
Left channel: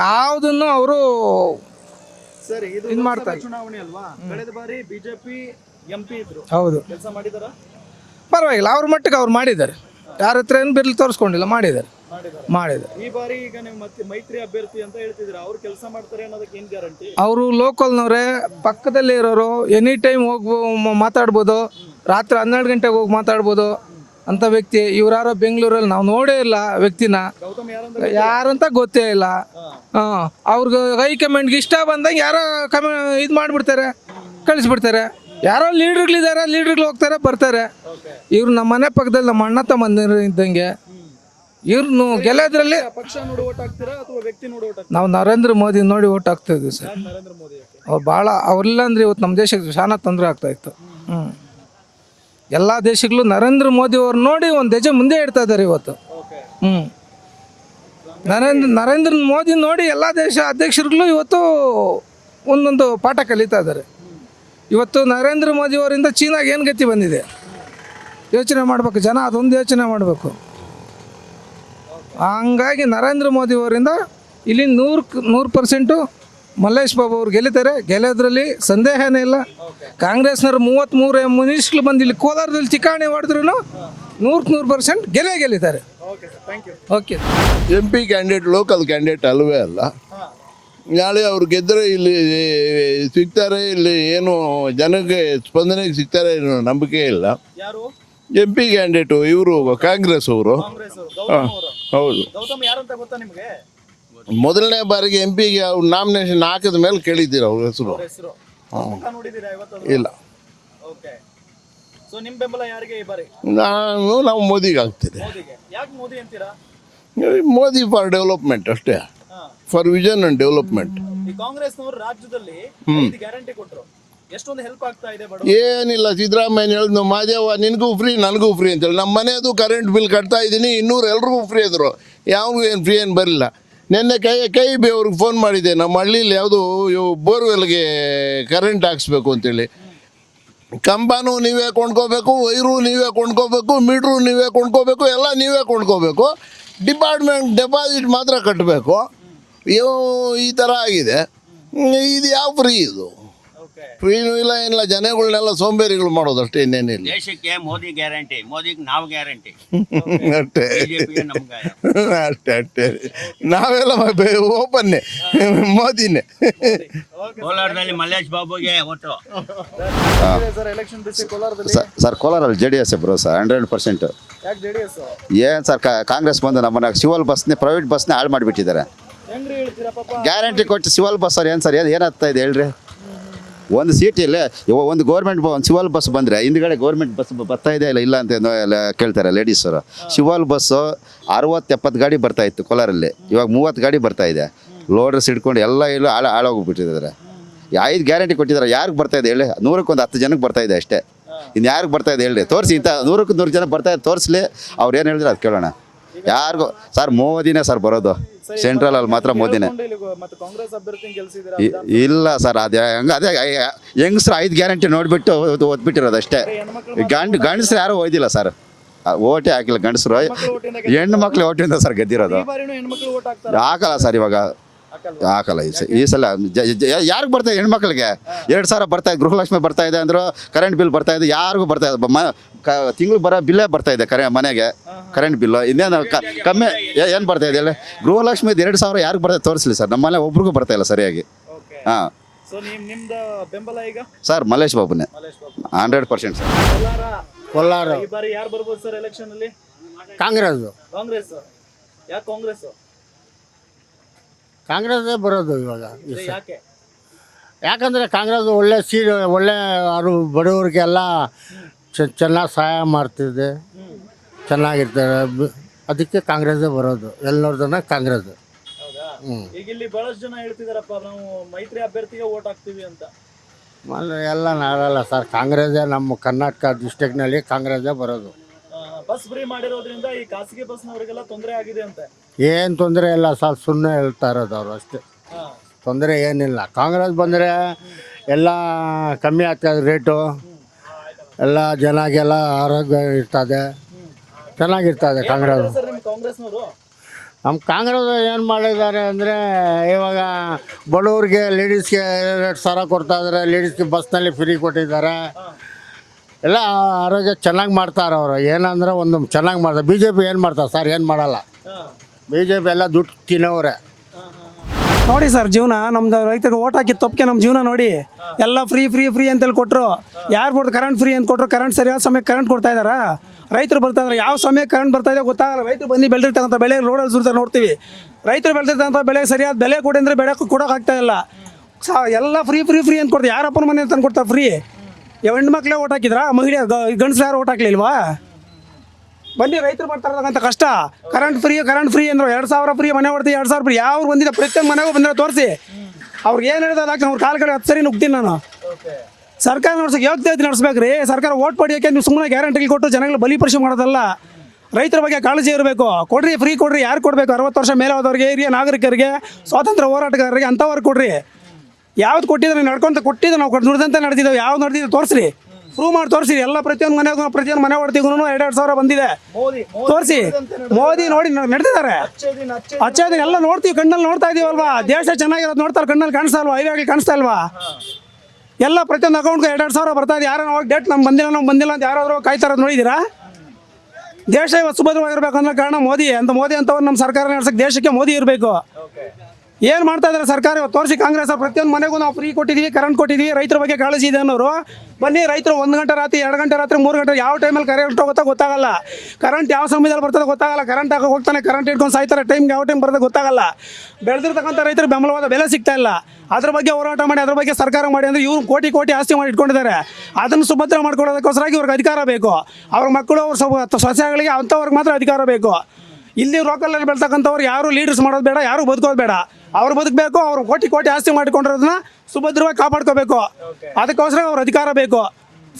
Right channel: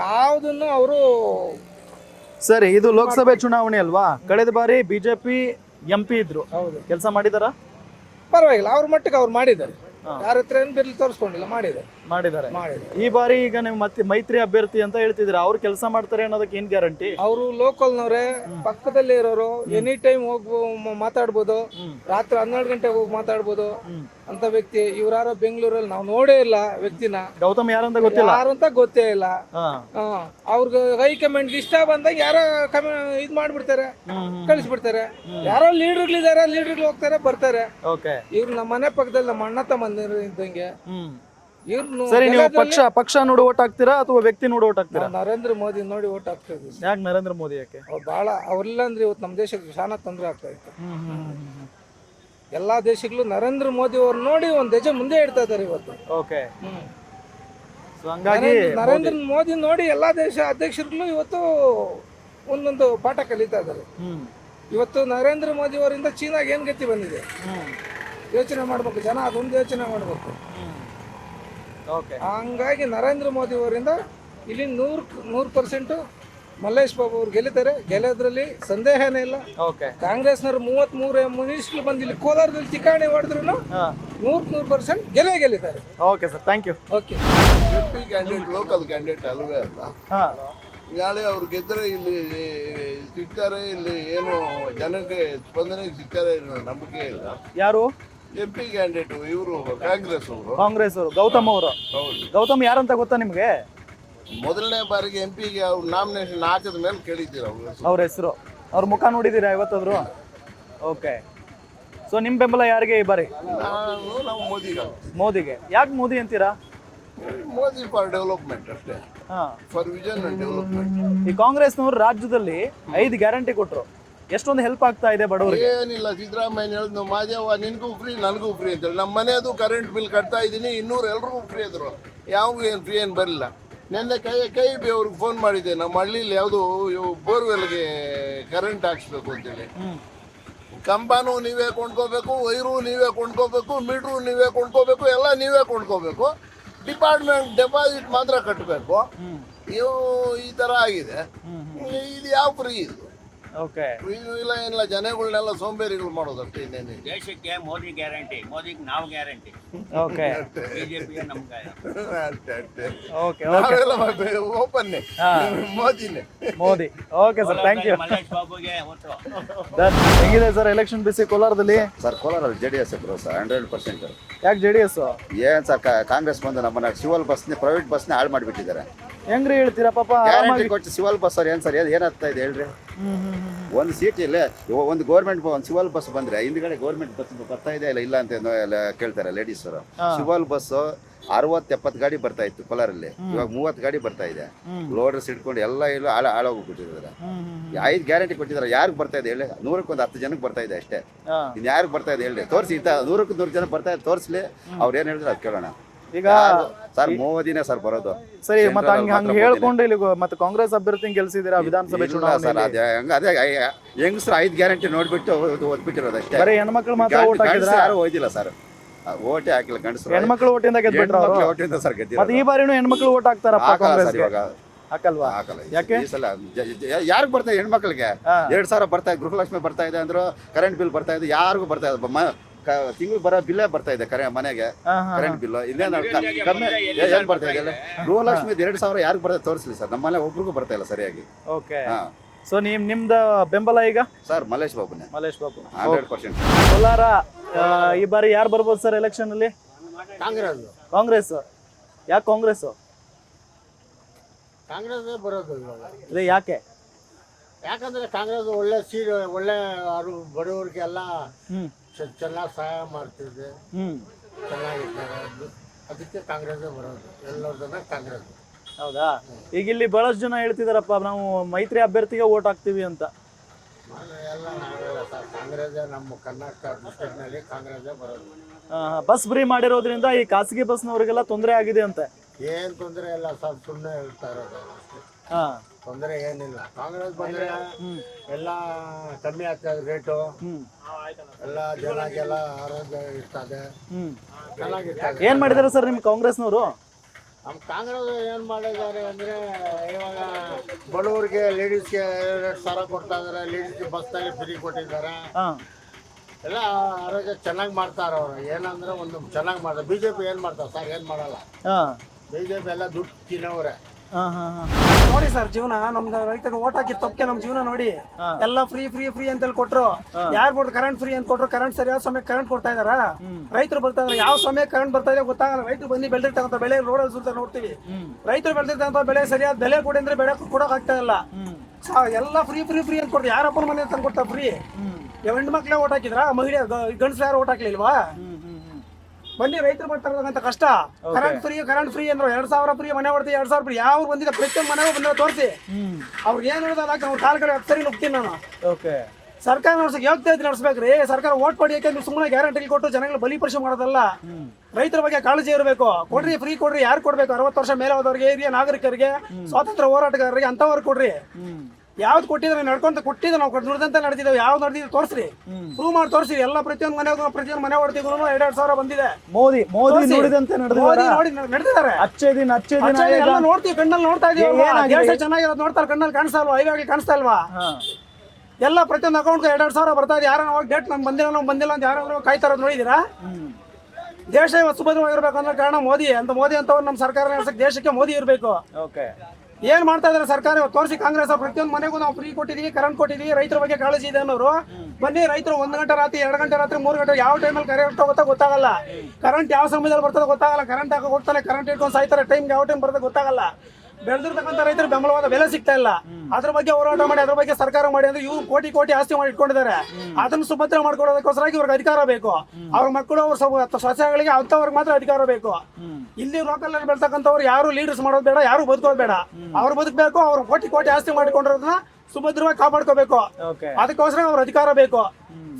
ಯಾವುದನ್ನು ಅವರು. ಸರಿ, ಇದು ಲೋಕಸಭೆ ಚುನಾವಣೆ ಅಲ್ವಾ? ಕಳೆದ ಬಾರಿ ಬಿಜೆಪಿ MP ಇದ್ರು. ಹೌದು. ಕೆಲಸ ಮಾಡಿದಾರ? ಪರವಾಗಿಲ್ಲ, ಅವ್ರ ಮಟ್ಟಿಗೆ ಅವ್ರು ಮಾಡಿದ್ದಾರೆ. ಯಾರ ಹತ್ರ ಏನು ಬಿರ್ಲು ತೋರಿಸ್ಕೊಂಡಿಲ್ಲ, ಮಾಡಿದ್ದಾರೆ. ಈ ಬಾರಿ ಈಗ ನೀವು ಮತ್ತೆ ಮೈತ್ರಿ ಅಭ್ಯರ್ಥಿ ಅಂತ ಹೇಳ್ತಿದ್ರೆ, ಅವ್ರು ಕೆಲಸ ಮಾಡ್ತಾರೆ ಅನ್ನೋದಕ್ಕೆ ಏನ್ ಗ್ಯಾರಂಟಿ? ಅವರು ಲೋಕಲ್ನವ್ರೆ, ಪಕ್ಕದಲ್ಲಿ ಇರೋರು, ಎನಿ ಟೈಮ್ ಹೋಗಿ ಮಾತಾಡ್ಬೋದು. ರಾತ್ರಿ 12 ಗಂಟೆಗೆ ಹೋಗಿ ಮಾತಾಡ್ಬೋದು ಅಂತ ವ್ಯಕ್ತಿ. ಇವ್ರಾರೋ ಬೆಂಗಳೂರಲ್ಲಿ ನಾವು ನೋಡೇ ಇಲ್ಲ ವ್ಯಕ್ತಿನ. ಗೌತಮ್ ಯಾರಂತ ಗೊತ್ತೇ ಇಲ್ಲ. ಅವ್ರಿಗೆ ಹೈಕಮಾಂಡ್ಗೆ ಇಷ್ಟ ಬಂದಂಗೆ ಯಾರೋ ಇದು ಮಾಡ್ಬಿಡ್ತಾರೆ, ಕಳಿಸ್ಬಿಡ್ತಾರೆ. ಯಾರೋ ಲೀಡರ್ಗಳಿದ್ದಾರೆ, ಲೀಡರ್ಗಳು ಹೋಗ್ತಾರೆ ಬರ್ತಾರೆ. ಇವ್ರು ನಮ್ಮ ಮನೆ ಪಕ್ಕದಲ್ಲಿ ನಮ್ಮ ಅಣ್ಣ ತಮ್ಮಂದಿರು ಇದ್ದಂಗೆ. ಇವ್ರನ್ನು ಗೆಲ್ಲೋದ್ರಲ್ಲಿ ಪಕ್ಷ ನೋಡಿ ಓಟ್ ಹಾಕ್ತೀರಾ ಅಥವಾ ವ್ಯಕ್ತಿ ನೋಡಿ ಓಟ್ ಹಾಕ್ತೀರಾ? ನಾವು ನರೇಂದ್ರ ಮೋದಿ ನೋಡಿ ಓಟ್ ಹಾಕ್ತಾ ಇದ್ವಿ ಸರ್. ನರೇಂದ್ರ ಮೋದಿ ಯಾಕೆ? ಅವ್ರು ಭಾಳ, ಅವ್ರಿಲ್ಲ ಅಂದ್ರೆ ಇವತ್ತು ನಮ್ಮ ದೇಶಕ್ಕೆ ಶಾನ ತೊಂದರೆ ಆಗ್ತಾ ಇತ್ತು. ಎಲ್ಲ ದೇಶಗಳು ನರೇಂದ್ರ ಮೋದಿ ಅವ್ರು ನೋಡಿ ಒಂದು ಹೆಜ್ಜೆ ಮುಂದೆ ಇಡ್ತಾ ಇದ್ದಾರೆ ಇವತ್ತು. ಓಕೆ. ನರೇಂದ್ರ ಮೋದಿ ನೋಡಿ ಎಲ್ಲ ದೇಶ ಅಧ್ಯಕ್ಷರುಗಳು ಇವತ್ತು ಒಂದೊಂದು ಪಾಠ ಕಲಿತಾ ಇದ್ದಾರೆ. ಇವತ್ತು ನರೇಂದ್ರ ಮೋದಿ ಅವರಿಂದ ಚೀನಾಗೆ ಏನು ಗತಿ ಬಂದಿದೆ ಯೋಚನೆ ಮಾಡಬೇಕು ಜನ, ಅದೊಂದು ಯೋಚನೆ ಮಾಡಬೇಕು. ಹಂಗಾಗಿ ನರೇಂದ್ರ ಮೋದಿ ಅವರಿಂದ ಇಲ್ಲಿ 100% ಮಲ್ಲೇಶ್ ಬಾಬು ಅವ್ರು ಗೆಲ್ಲೋದ್ರಲ್ಲಿ ಸಂದೇಹನೇ ಇಲ್ಲ. ಕಾಂಗ್ರೆಸ್ನವ್ರು 33 ಮಿನಿಸ್ಟ್ರು ಬಂದು ಇಲ್ಲಿ ಕೋಲಾರದಲ್ಲಿ ಚಿಕಾಣಿ ಹೊಡೆದ್ರು 100% ಗೆಲ್ಲಿದ್ದಾರೆ. Okay sir, thank you. Okay. MP candidate local candidate ಅಲ್ವೇ ಅಲ್ಲ. ನಾಳೆ ಅವ್ರು ಗೆದ್ದರೆ ಇಲ್ಲಿ ಸಿಗ್ತಾರೆ, ಇಲ್ಲಿ ಏನು ಜನಕ್ಕೆ ಸ್ಪಂದನೆಗೆ ಸಿಗ್ತಾರೆ ಅನ್ನೋ ನಂಬಿಕೆ ಇಲ್ಲ. ಯಾರು MP ಕ್ಯಾಂಡಿಡೇಟು? ಇವರು ಕಾಂಗ್ರೆಸ್ ಅವರು. ಕಾಂಗ್ರೆಸ್ ಗೌತಮ್ ಅವರು. ಹೌದು. ಗೌತಮ್ ಯಾರಂತ ಗೊತ್ತಾ ನಿಮ್ಗೆ? ಮೊದಲನೇ ಬಾರಿಗೆ MP ಗೆ ನಾಮಿನೇಷನ್ ಹಾಕಿದ ಮೇಲೆ ಕೇಳಿದ್ದೀರಾ ಅವ್ರ ಹೆಸರು? ಅವ್ರ ಹೆಸರು, ಅವ್ರ ಮುಖ ನೋಡಿದ್ದೀರಾ ಇವತ್ತಾದ್ರು? ಇಲ್ಲ. ಓಕೆ. ಸೊ ನಿಮ್ ಬೆಂಬಲ ಯಾರಿಗೆ ಈ ಬಾರಿ? ನಾವು ಮೋದಿಗೆ ಆಗ್ತೀವಿ. ಮೋದಿಗೆ. ಯಾಕೆ ಮೋದಿ ಅಂತೀರಾ? ಮೋದಿ ಫಾರ್ ಡೆವಲಪ್ಮೆಂಟ್ ಅಷ್ಟೇ, ಫಾರ್ ವಿಷನ್ ಅಂಡ್ ಡೆವಲಪ್ಮೆಂಟ್. ಈ ಕಾಂಗ್ರೆಸ್ನವರು ರಾಜ್ಯದಲ್ಲಿ 5 ಗ್ಯಾರಂಟಿ ಕೊಟ್ರು, ಎಷ್ಟೊಂದು ಹೆಲ್ಪ್ ಆಗ್ತಾ ಇದೆ ಬಡವ? ಏನಿಲ್ಲ, ಸಿದ್ದರಾಮಯ್ಯ ಹೇಳಿದ್ನು ಮಾದೇವ ನಿನಗೂ ಫ್ರೀ ನನಗೂ ಫ್ರೀ ಅಂತೇಳಿ. ನಮ್ಮ ಮನೆಯದು ಕರೆಂಟ್ ಬಿಲ್ ಕಟ್ತಾ ಇದ್ದೀನಿ, 200 ಎಲ್ರಿಗೂ ಫ್ರೀ ಅಂದರು. ಯಾರಿಗೂ ಏನು ಫ್ರೀ ಏನು ಬರಲಿಲ್ಲ. ನಿನ್ನೆ KIB ಅವ್ರಿಗೆ ಫೋನ್ ಮಾಡಿದ್ದೆ, ನಮ್ಮ ಹಳ್ಳಿಲಿ ಯಾವುದು ಬೋರ್ವೆಲ್ಗೆ ಕರೆಂಟ್ ಹಾಕ್ಸ್ಬೇಕು ಅಂತೇಳಿ. ಕಂಬನೂ ನೀವೇ ಕೊಂಡ್ಕೋಬೇಕು, ವೈರು ನೀವೇ ಕೊಂಡ್ಕೋಬೇಕು, ಮೀಟ್ರು ನೀವೇ ಕೊಂಡ್ಕೋಬೇಕು, ಎಲ್ಲ ನೀವೇ ಕೊಂಡ್ಕೋಬೇಕು. ಡೆಪಾಸಿಟ್ ಮಾತ್ರ ಕಟ್ಟಬೇಕು. ಈ ಥರ ಆಗಿದೆ. ಇದು ಯಾವ ಫ್ರೀ? ಇದು ಫ್ರೀನೂ ಇಲ್ಲ, ಏನಿಲ್ಲ. ಜನಗಳನ್ನೆಲ್ಲ ಸೋಂಬೇರಿಗಳು ಮಾಡೋದು ಅಷ್ಟೇ, ಇನ್ನೇನಿಲ್ಲ. ದೇಶಕ್ಕೆ ಮೋದಿ ಗ್ಯಾರಂಟಿ, ಮೋದಿಗೆ ನಾವು ಗ್ಯಾರಂಟಿ ಅಷ್ಟೇ ಅಷ್ಟೇ. ನಾವೆಲ್ಲ ಓಪನ್ನೇ, ಮೋದಿನೇ. ಮಲ್ಲೇಶ್ ಬಾಬುಗೆ ಒಟ್ಟು. ಸರ್ ಎಲೆಕ್ಷನ್ ಬಿಸಿ ಕೋಲಾರದಲ್ಲಿ? ಸರ್ ಕೋಲಾರಲ್ಲಿ JDS ಬ್ರೋ ಸರ್ 100%. ಯಾಕೆ JDS? ಏನ್ ಸರ್ ಕಾಂಗ್ರೆಸ್ ಬಂದು ನಮ್ಮನ್ನ ಸಿವಲ್ ಬಸ್ನೇ ಪ್ರೈವೇಟ್ ಬಸ್ನೇ ಹಾಳು ಮಾಡಿಬಿಟ್ಟಿದ್ದಾರೆ. ಹೆಂಗ್ರಿ ಹೇಳ್ತೀರಾ ಪಾಪ? ಗ್ಯಾರಂಟಿ ಕೊಟ್ಟು ಸಿವಲ್ ಬಸ್ ಸರ್ ಏನು ಸರ್ ಏನಾಗ್ತಾ ಇದೆ ಹೇಳ್ರಿ? ಒಂದು ಸೀಟಿಲ್ಲ, ಒಂದು ಗೌರ್ಮೆಂಟ್ ಒಂದು ಸಿವಲ್ ಬಸ್ ಬಂದರೆ ಹಿಂದ್ಗಡೆ ಗೌರ್ಮೆಂಟ್ ಬಸ್ ಬರ್ತಾ ಇದೆ ಇಲ್ಲ ಅಂತ ಕೇಳ್ತಾರೆ ಲೇಡೀಸರು. ಸಿವಲ್ ಬಸ್ಸು 60-70 ಗಾಡಿ ಬರ್ತಾ ಇತ್ತು ಕೋಲಾರಲ್ಲಿ, ಇವಾಗ 30 ಗಾಡಿ ಬರ್ತಾ ಇದೆ. ಲೋಡರ್ಸ್ ಹಿಡ್ಕೊಂಡು ಎಲ್ಲ ಇಲ್ಲ ಹಾಳಾಗೋಗ್ಬಿಟ್ಟಿದ್ದಾರೆ. 5 ಗ್ಯಾರಂಟಿ ಕೊಟ್ಟಿದ್ದಾರೆ, ಯಾರಿಗೆ ಬರ್ತಾ ಇದೆ ಹೇಳಿ? 100ಕ್ಕೆ 10 ಜನಕ್ಕೆ ಬರ್ತಾ ಇದೆ ಅಷ್ಟೇ. ಇನ್ನು ಯಾರಿಗೆ ಬರ್ತಾ ಇದೆ ಹೇಳಿ? ತೋರಿಸಿ, ಇಂಥ 100ಕ್ಕೆ 100 ಜನ ಬರ್ತಾ ಇದೆ, ತೋರಿಸ್ಲಿ. ಅವ್ರು ಏನು ಹೇಳಿದ್ರೆ ಅದು ಕೇಳೋಣ. ಯಾರಿಗೂ ಸರ್ ಮೋದಿನೇ ಸರ್ ಬರೋದು, ಸೆಂಟ್ರಲ್ ಅಲ್ಲಿ ಮಾತ್ರ ಮೋದಿನೇ. ಮತ್ತೆ ಕಾಂಗ್ರೆಸ್ ಅಭ್ಯರ್ಥಿ ಗೆಲ್ಸಿದಿರಾ? ಇಲ್ಲ ಸರ್, ಅದೇ ಹೆಂಗಸ್ರು 5 ಗ್ಯಾರಂಟಿ ನೋಡ್ಬಿಟ್ಟು ಓದ್ಬಿಟ್ಟಿರೋದು ಅಷ್ಟೇ. ಗಂಡಸರು ಯಾರು ಓದಿಲ್ಲ ಸರ್, ಓಟೇ ಹಾಕಿಲ್ಲ ಗಂಡಸರು. ಹೆಣ್ಣು ಮಕ್ಳು ಓಟಿಂದ ಸರ್ ಗೆದ್ದಿರೋದು. ಹಾಕಲ್ಲ ಸರ್, ಇವಾಗ ಹಾಕಲ್ಲ. ಈ ಸಲ ಯಾರಿಗೆ ಬರ್ತಾ ಇದೆ? ಹೆಣ್ಮಕ್ಳಿಗೆ 2,000 ಬರ್ತಾ ಇದೆ, ಗೃಹಲಕ್ಷ್ಮಿ ಬರ್ತಾ ಇದೆ ಅಂದ್ರು, ಕರೆಂಟ್ ಬಿಲ್ ಬರ್ತಾ ಇದೆ. ಯಾರಿಗೂ ಬರ್ತಾ ಇದೆ, ತಿಂಗಳು ಬರೋ ಬಿಲ್ಲೇ ಬರ್ತಾ ಇದೆ ಮನೆಗೆ ಕರೆಂಟ್ ಬಿಲ್ಲು. ಇನ್ನೇನು ಕಮ್ಮಿ ಏನು ಬರ್ತಾ ಇದೆ ಹೇಳಿ? ಗೃಹಲಕ್ಷ್ಮಿ 2,000 ಯಾರಿಗೆ ಬರ್ತಾ ತೋರಿಸ್ಲಿ ಸರ್. ನಮ್ಮ ಮನೆ ಒಬ್ರಿಗೂ ಬರ್ತಾ ಇಲ್ಲ ಸರಿಯಾಗಿ. ಹಾಂ. ಸೊ ನಿಮ್ದು ಬೆಂಬಲ ಈಗ? ಸರ್ ಮಲ್ಲೇಶ್ ಬಾಬುನೇ 100%. ಕೋಲಾರ ಈ ಬಾರಿ ಯಾರು ಬರ್ಬೋದು ಸರ್ ಎಲೆಕ್ಷನ್ ಅಲ್ಲಿ? ಕಾಂಗ್ರೆಸ್. ಕಾಂಗ್ರೆಸ್. ಯಾಕೆ ಕಾಂಗ್ರೆಸ್? ಕಾಂಗ್ರೆಸ್ಸೇ ಬರೋದು ಇವಾಗ. ಯಾಕೆ? ಯಾಕಂದರೆ ಕಾಂಗ್ರೆಸ್ ಒಳ್ಳೆ ಒಳ್ಳೆ ಅವರು ಬಡವರಿಗೆಲ್ಲ ಚೆನ್ನಾಗಿ ಸಹಾಯ ಮಾಡ್ತಿದೆ, ಚೆನ್ನಾಗಿರ್ತಾರೆ. ಅದಕ್ಕೆ ಕಾಂಗ್ರೆಸ್ಸೇ ಬರೋದು. ಎಲ್ಲರದನ್ನ ಕಾಂಗ್ರೆಸ್. ಹೌದಾ? ಈಗ ಇಲ್ಲಿ ಬಹಳಷ್ಟು ಜನ ಹೇಳ್ತಿದಾರಪ್ಪ, ನಾವು ಮೈತ್ರಿ ಅಭ್ಯರ್ಥಿಗೆ ವೋಟ್ ಹಾಕ್ತೀವಿ ಅಂತ. ಎಲ್ಲ ನಾಡಲ್ಲ ಸರ್, ಕಾಂಗ್ರೆಸ್ಸೇ. ನಮ್ಮ ಕರ್ನಾಟಕ ಡಿಸ್ಟ್ರಿಕ್ನಲ್ಲಿ ಕಾಂಗ್ರೆಸ್ಸೇ ಬರೋದು. ಬಸ್ ಫ್ರೀ ಮಾಡಿರೋದ್ರಿಂದ ಈ ಖಾಸಗಿ ಬಸ್ನವರಿಗೆಲ್ಲ ತೊಂದರೆ ಆಗಿದೆ ಅಂತ. ಏನು ತೊಂದರೆ ಇಲ್ಲ ಸರ್, ಸುಮ್ಮನೆ ಹೇಳ್ತಾ ಇರೋದು ಅವರು ಅಷ್ಟೇ. ತೊಂದರೆ ಏನಿಲ್ಲ. ಕಾಂಗ್ರೆಸ್ ಬಂದರೆ ಎಲ್ಲ ಕಮ್ಮಿ ಆಗ್ತದೆ ರೇಟು, ಎಲ್ಲ ಜನಗೆಲ್ಲ ಆರೋಗ್ಯ ಇರ್ತದೆ, ಚೆನ್ನಾಗಿರ್ತದೆ. ಸರ್ ನಿಮ್ಮ ಕಾಂಗ್ರೆಸ್ನವರು? ನಮ್ಮ ಕಾಂಗ್ರೆಸ್ ಏನು ಮಾಡಿದ್ದಾರೆ ಅಂದರೆ, ಇವಾಗ ಬಡವ್ರಿಗೆ ಲೇಡೀಸ್ಗೆ 2,000 ಕೊಡ್ತಾ ಇದ್ದಾರೆ, ಲೇಡೀಸ್ಗೆ ಬಸ್ನಲ್ಲಿ ಫ್ರೀ ಕೊಟ್ಟಿದ್ದಾರೆ. ಎಲ್ಲ ಆರೋಗ್ಯ ಚೆನ್ನಾಗಿ ಮಾಡ್ತಾರೆ ಅವರು. ಏನಂದ್ರೆ ಒಂದು ಚೆನ್ನಾಗಿ ಮಾಡ್ತಾರೆ. BJP ಏನು ಮಾಡ್ತಾರೆ ಸರ್? ಏನು ಮಾಡಲ್ಲ. BJP ಎಲ್ಲ ದುಡ್ಡು ತಿನ್ನೋರೆ. ನೋಡಿ ಸರ್, ಜೀವನ ನಮ್ದು ರೈತರಿಗೆ ಓಟ್ ಹಾಕಿ ತಪ್ಪಿಗೆ ನಮ್ಮ ಜೀವನ ನೋಡಿ. ಎಲ್ಲ ಫ್ರೀ ಫ್ರೀ ಫ್ರೀ ಅಂತೇಳಿ ಕೊಟ್ಟರು. ಯಾರು ಕೊಡ್ತಾರೆ? ಕರೆಂಟ್ ಫ್ರೀ ಅಂತ ಕೊಟ್ಟರು. ಕರೆಂಟ್ ಸರಿಯಾದ ಸಮಯಕ್ಕೆ ಕರೆಂಟ್ ಕೊಡ್ತಾ ಇದಾರ? ರೈತರು ಬರ್ತಾ ಇದಾರೆ. ಯಾವ ಸಮಯಕ್ಕೆ ಕರೆಂಟ್ ಬರ್ತಾ ಇದೆ ಗೊತ್ತಾಗಲ್ಲ. ರೈತರು ಬಂದು ಬೆಳೆದಿರ್ತಕ್ಕಂಥ ಬೆಳೆ ರೋಡಲ್ಲಿ ಸುರ್ತಾರೆ ನೋಡ್ತೀವಿ. ರೈತರು ಬೆಳೆದಿರ್ತಕ್ಕಂಥ ಬೆಳೆ ಸರಿಯಾದ ಬೆಲೆ ಕೊಡಿ ಅಂದರೆ ಬೆಳೆ ಕೊಡೋಕೆ ಆಗ್ತಾ ಇಲ್ಲ. ಎಲ್ಲ ಫ್ರೀ ಫ್ರೀ ಫ್ರೀ ಅಂತ ಕೊಡ್ತಾರೆ. ಯಾರಪ್ಪನ ಮನೆ ಅಂತ ಕೊಡ್ತಾರೆ ಫ್ರೀ? ಹೆಣ್ಣು ಮಕ್ಳೇ ಓಟ್ ಹಾಕಿದ್ರಾ? ಮಹಿಳೆ ಗಂಡಸರು ಯಾರು ಓಟ್ ಹಾಕ್ಲಿಲ್ವಾ? ಬನ್ನಿ, ರೈತರು ಮಾಡ್ತಾ ಇರೋದಂತ ಕಷ್ಟ. ಕರೆಂಟ್ ಫ್ರೀ ಅಂದ್ರೆ 2,000 ಫ್ರೀ, ಮನೆ ಹೊಡ್ತೀವಿ 2,000 ಫ್ರೀ. ಯಾವ ಬಂದಿದೆ? ಪ್ರತಿಯೊಂದು ಮನೆಗೂ ಬಂದಿರೋ ತೋರಿಸಿ. ಅವ್ರಿಗೆ ಏನು ಹೇಳಿದ್ರೆ ಅವ್ರ ಕಾಲ್ ಕಡೆ 10 ಸರಿ ನುಗ್ತೀನಿ ನಾನು. ಸರ್ಕಾರ ನಡ್ಸಕ್ಕೆ ಯೋಗ್ಯತೆ ನಡೆಸ್ಬೇಕ್ರಿ. ಸರ್ಕಾರ ಓಟ್ ಪಡೆಯೋಕೆ ನೀವು ಸುಮ್ಮನೆ ಗ್ಯಾರಂಟಿ ಕೊಟ್ಟು ಜನಗಳ ಬಲಿ ಪರೀಕ್ಷೆ ಮಾಡೋದಲ್ಲ. ರೈತರ ಬಗ್ಗೆ ಕಾಳಜಿ ಇರಬೇಕು. ಕೊಡ್ರಿ, ಫ್ರೀ ಕೊಡ್ರಿ. ಯಾರು ಕೊಡಬೇಕು? 60 ವರ್ಷ ಮೇಲೆ ಹೋದವ್ರಿಗೆ, ಹಿರಿಯ ನಾಗರಿಕರಿಗೆ, ಸ್ವಾತಂತ್ರ್ಯ ಹೋರಾಟಗಾರರಿಗೆ ಅಂಥವ್ರಿಗೆ ಕೊಡ್ರಿ. ಯಾವ್ದು ಕೊಟ್ಟಿದ್ರೆ ನಡ್ಕೊಂತ ಕೊಟ್ಟಿದ್ದು ನಾವು ನುಡಿದಂತೆ ನಡೆದಿದ್ದೇವೆ. ಯಾವ್ದು ನಡೆದಿದ್ದು ತೋರಿಸ್ರಿ, ಪ್ರೂವ್ ಮಾಡಿ ತೋರಿಸಿ. ಎಲ್ಲ ಪ್ರತಿಯೊಂದು ಮನೆ ಹೊಡ್ತಿಗೂ 2,000 ಬಂದಿದೆ. ತೋರಿಸಿ. ಮೋದಿ ನೋಡಿ ನಡೆದಿದ್ದಾರೆ. ಎಲ್ಲ ನೋಡ್ತೀವಿ, ಕಣ್ಣಲ್ಲಿ ನೋಡ್ತಾ ಇದೀವಲ್ವಾ? ದೇಶ ಚೆನ್ನಾಗಿರೋದು ನೋಡ್ತಾರೆ, ಕಣ್ಣಲ್ಲಿ ಕಾಣಿಸ್ತಾ ಇಲ್ವಾ? ಹೈವೇಗಳು ಕಾಣಿಸ್ತಾ ಇಲ್ವಾ? ಎಲ್ಲ ಪ್ರತಿಯೊಂದು ಅಕೌಂಟ್ಗೆ 2,000 ಬರ್ತಾ ಇದೆ. ಯಾರು ಹೋಗಿ ಡೇಟ್ ನಮ್ಗೆ ಬಂದಿಲ್ಲ ಅಂತ ಯಾರಾದ್ರೂ ಕಾಯ್ತಾ ಇರೋದು ನೋಡಿದ್ದೀರಾ? ದೇಶ ಇವತ್ತು ಸುಭದ್ರವಾಗಿರ್ಬೇಕು ಅಂದ್ರೆ ಕಾರಣ ಮೋದಿ ಅಂತವ್ರು ನಮ್ಮ ಸರ್ಕಾರ ನಡೆಸಕ್ಕೆ ದೇಶಕ್ಕೆ ಮೋದಿ ಇರಬೇಕು. ಏನ್ ಮಾಡ್ತಾ ಇದಾರೆ ಸರ್ಕಾರ ಇವತ್ತು ತೋರಿಸಿ. ಕಾಂಗ್ರೆಸ್ ಅವ್ರು ಪ್ರತಿಯೊಂದು ಮನೆಗೂ ನಾವು ಫ್ರೀ ಕೊಟ್ಟಿದೀವಿ, ಕರೆಂಟ್ ಕೊಟ್ಟಿದೀವಿ, ರೈತರ ಬಗ್ಗೆ ಕಾಳಜಿ ಇದೆ ಅನ್ನೋರು ಬನ್ನಿ. ರೈತರು 1 ಗಂಟೆ ರಾತ್ರಿ, 2 ಗಂಟೆ ರಾತ್ರಿ, 3 ಗಂಟೆ ಯಾವ ಟೈಮಲ್ಲಿ ಕರೆಂಟ್ ಹೋಗುತ್ತಾ ಗೊತ್ತಾಗಲ್ಲ. ಕರೆಂಟ್ ಯಾವ ಸಮಯದಲ್ಲಿ ಬರ್ತದೆ ಗೊತ್ತಾಗಲ್ಲ. ಕರೆಂಟ್ ಹಾಕಿ ಹೋಗ್ತಾನೆ, ಕರೆಂಟ್ ಇಟ್ಕೊಂಡು ಸಾಯ್ತಾರೆ. ಟೈಮ್ಗೆ ಯಾವ ಟೈಮ್ ಬರ್ತದೆ ಗೊತ್ತಾಗಲ್ಲ. ಬೆಳೆದಿರ್ತಕ್ಕಂಥ ರೈತರು ಬೆಂಬಲವಾದ ಬೆಲೆ ಸಿಗ್ತಾ ಇಲ್ಲ. ಅದ್ರ ಬಗ್ಗೆ ಹೋರಾಟ ಮಾಡಿ, ಅದ್ರ ಬಗ್ಗೆ ಸರ್ಕಾರ ಮಾಡಿ ಅಂದ್ರೆ ಇವ್ರು ಕೋಟಿ ಆಸ್ತಿ ಮಾಡಿ ಇಟ್ಕೊಂಡಿದ್ದಾರೆ. ಅದನ್ನು ಸುಭದ್ರ ಮಾಡ್ಕೊಳ್ಳೋದಕ್ಕೋಸ್ಕರ ಇವ್ರಿಗೆ ಅಧಿಕಾರ ಬೇಕು. ಅವ್ರ ಮಕ್ಕಳು, ಅವ್ರ ಸೊಸೆಗಳಿಗೆ ಅಂಥವ್ರಿಗೆ ಮಾತ್ರ ಅಧಿಕಾರ ಬೇಕು. ಇಲ್ಲಿ ಲೋಕಲಲ್ಲಿ ಬೆಳ್ತಕ್ಕಂಥವ್ರು ಯಾರು ಲೀಡರ್ಸ್ ಮಾಡೋದು ಬೇಡ, ಯಾರು ಬದುಕೋದು ಬೇಡ. ಅವ್ರು ಬದುಕಬೇಕು. ಅವ್ರು ಕೋಟಿ ಆಸ್ತಿ ಮಾಡಿಕೊಂಡಿರೋದನ್ನ ಸುಭದ್ರವಾಗಿ ಕಾಪಾಡ್ಕೋಬೇಕು. ಅದಕ್ಕೋಸ್ಕರ ಅವ್ರ ಅಧಿಕಾರ ಬೇಕು.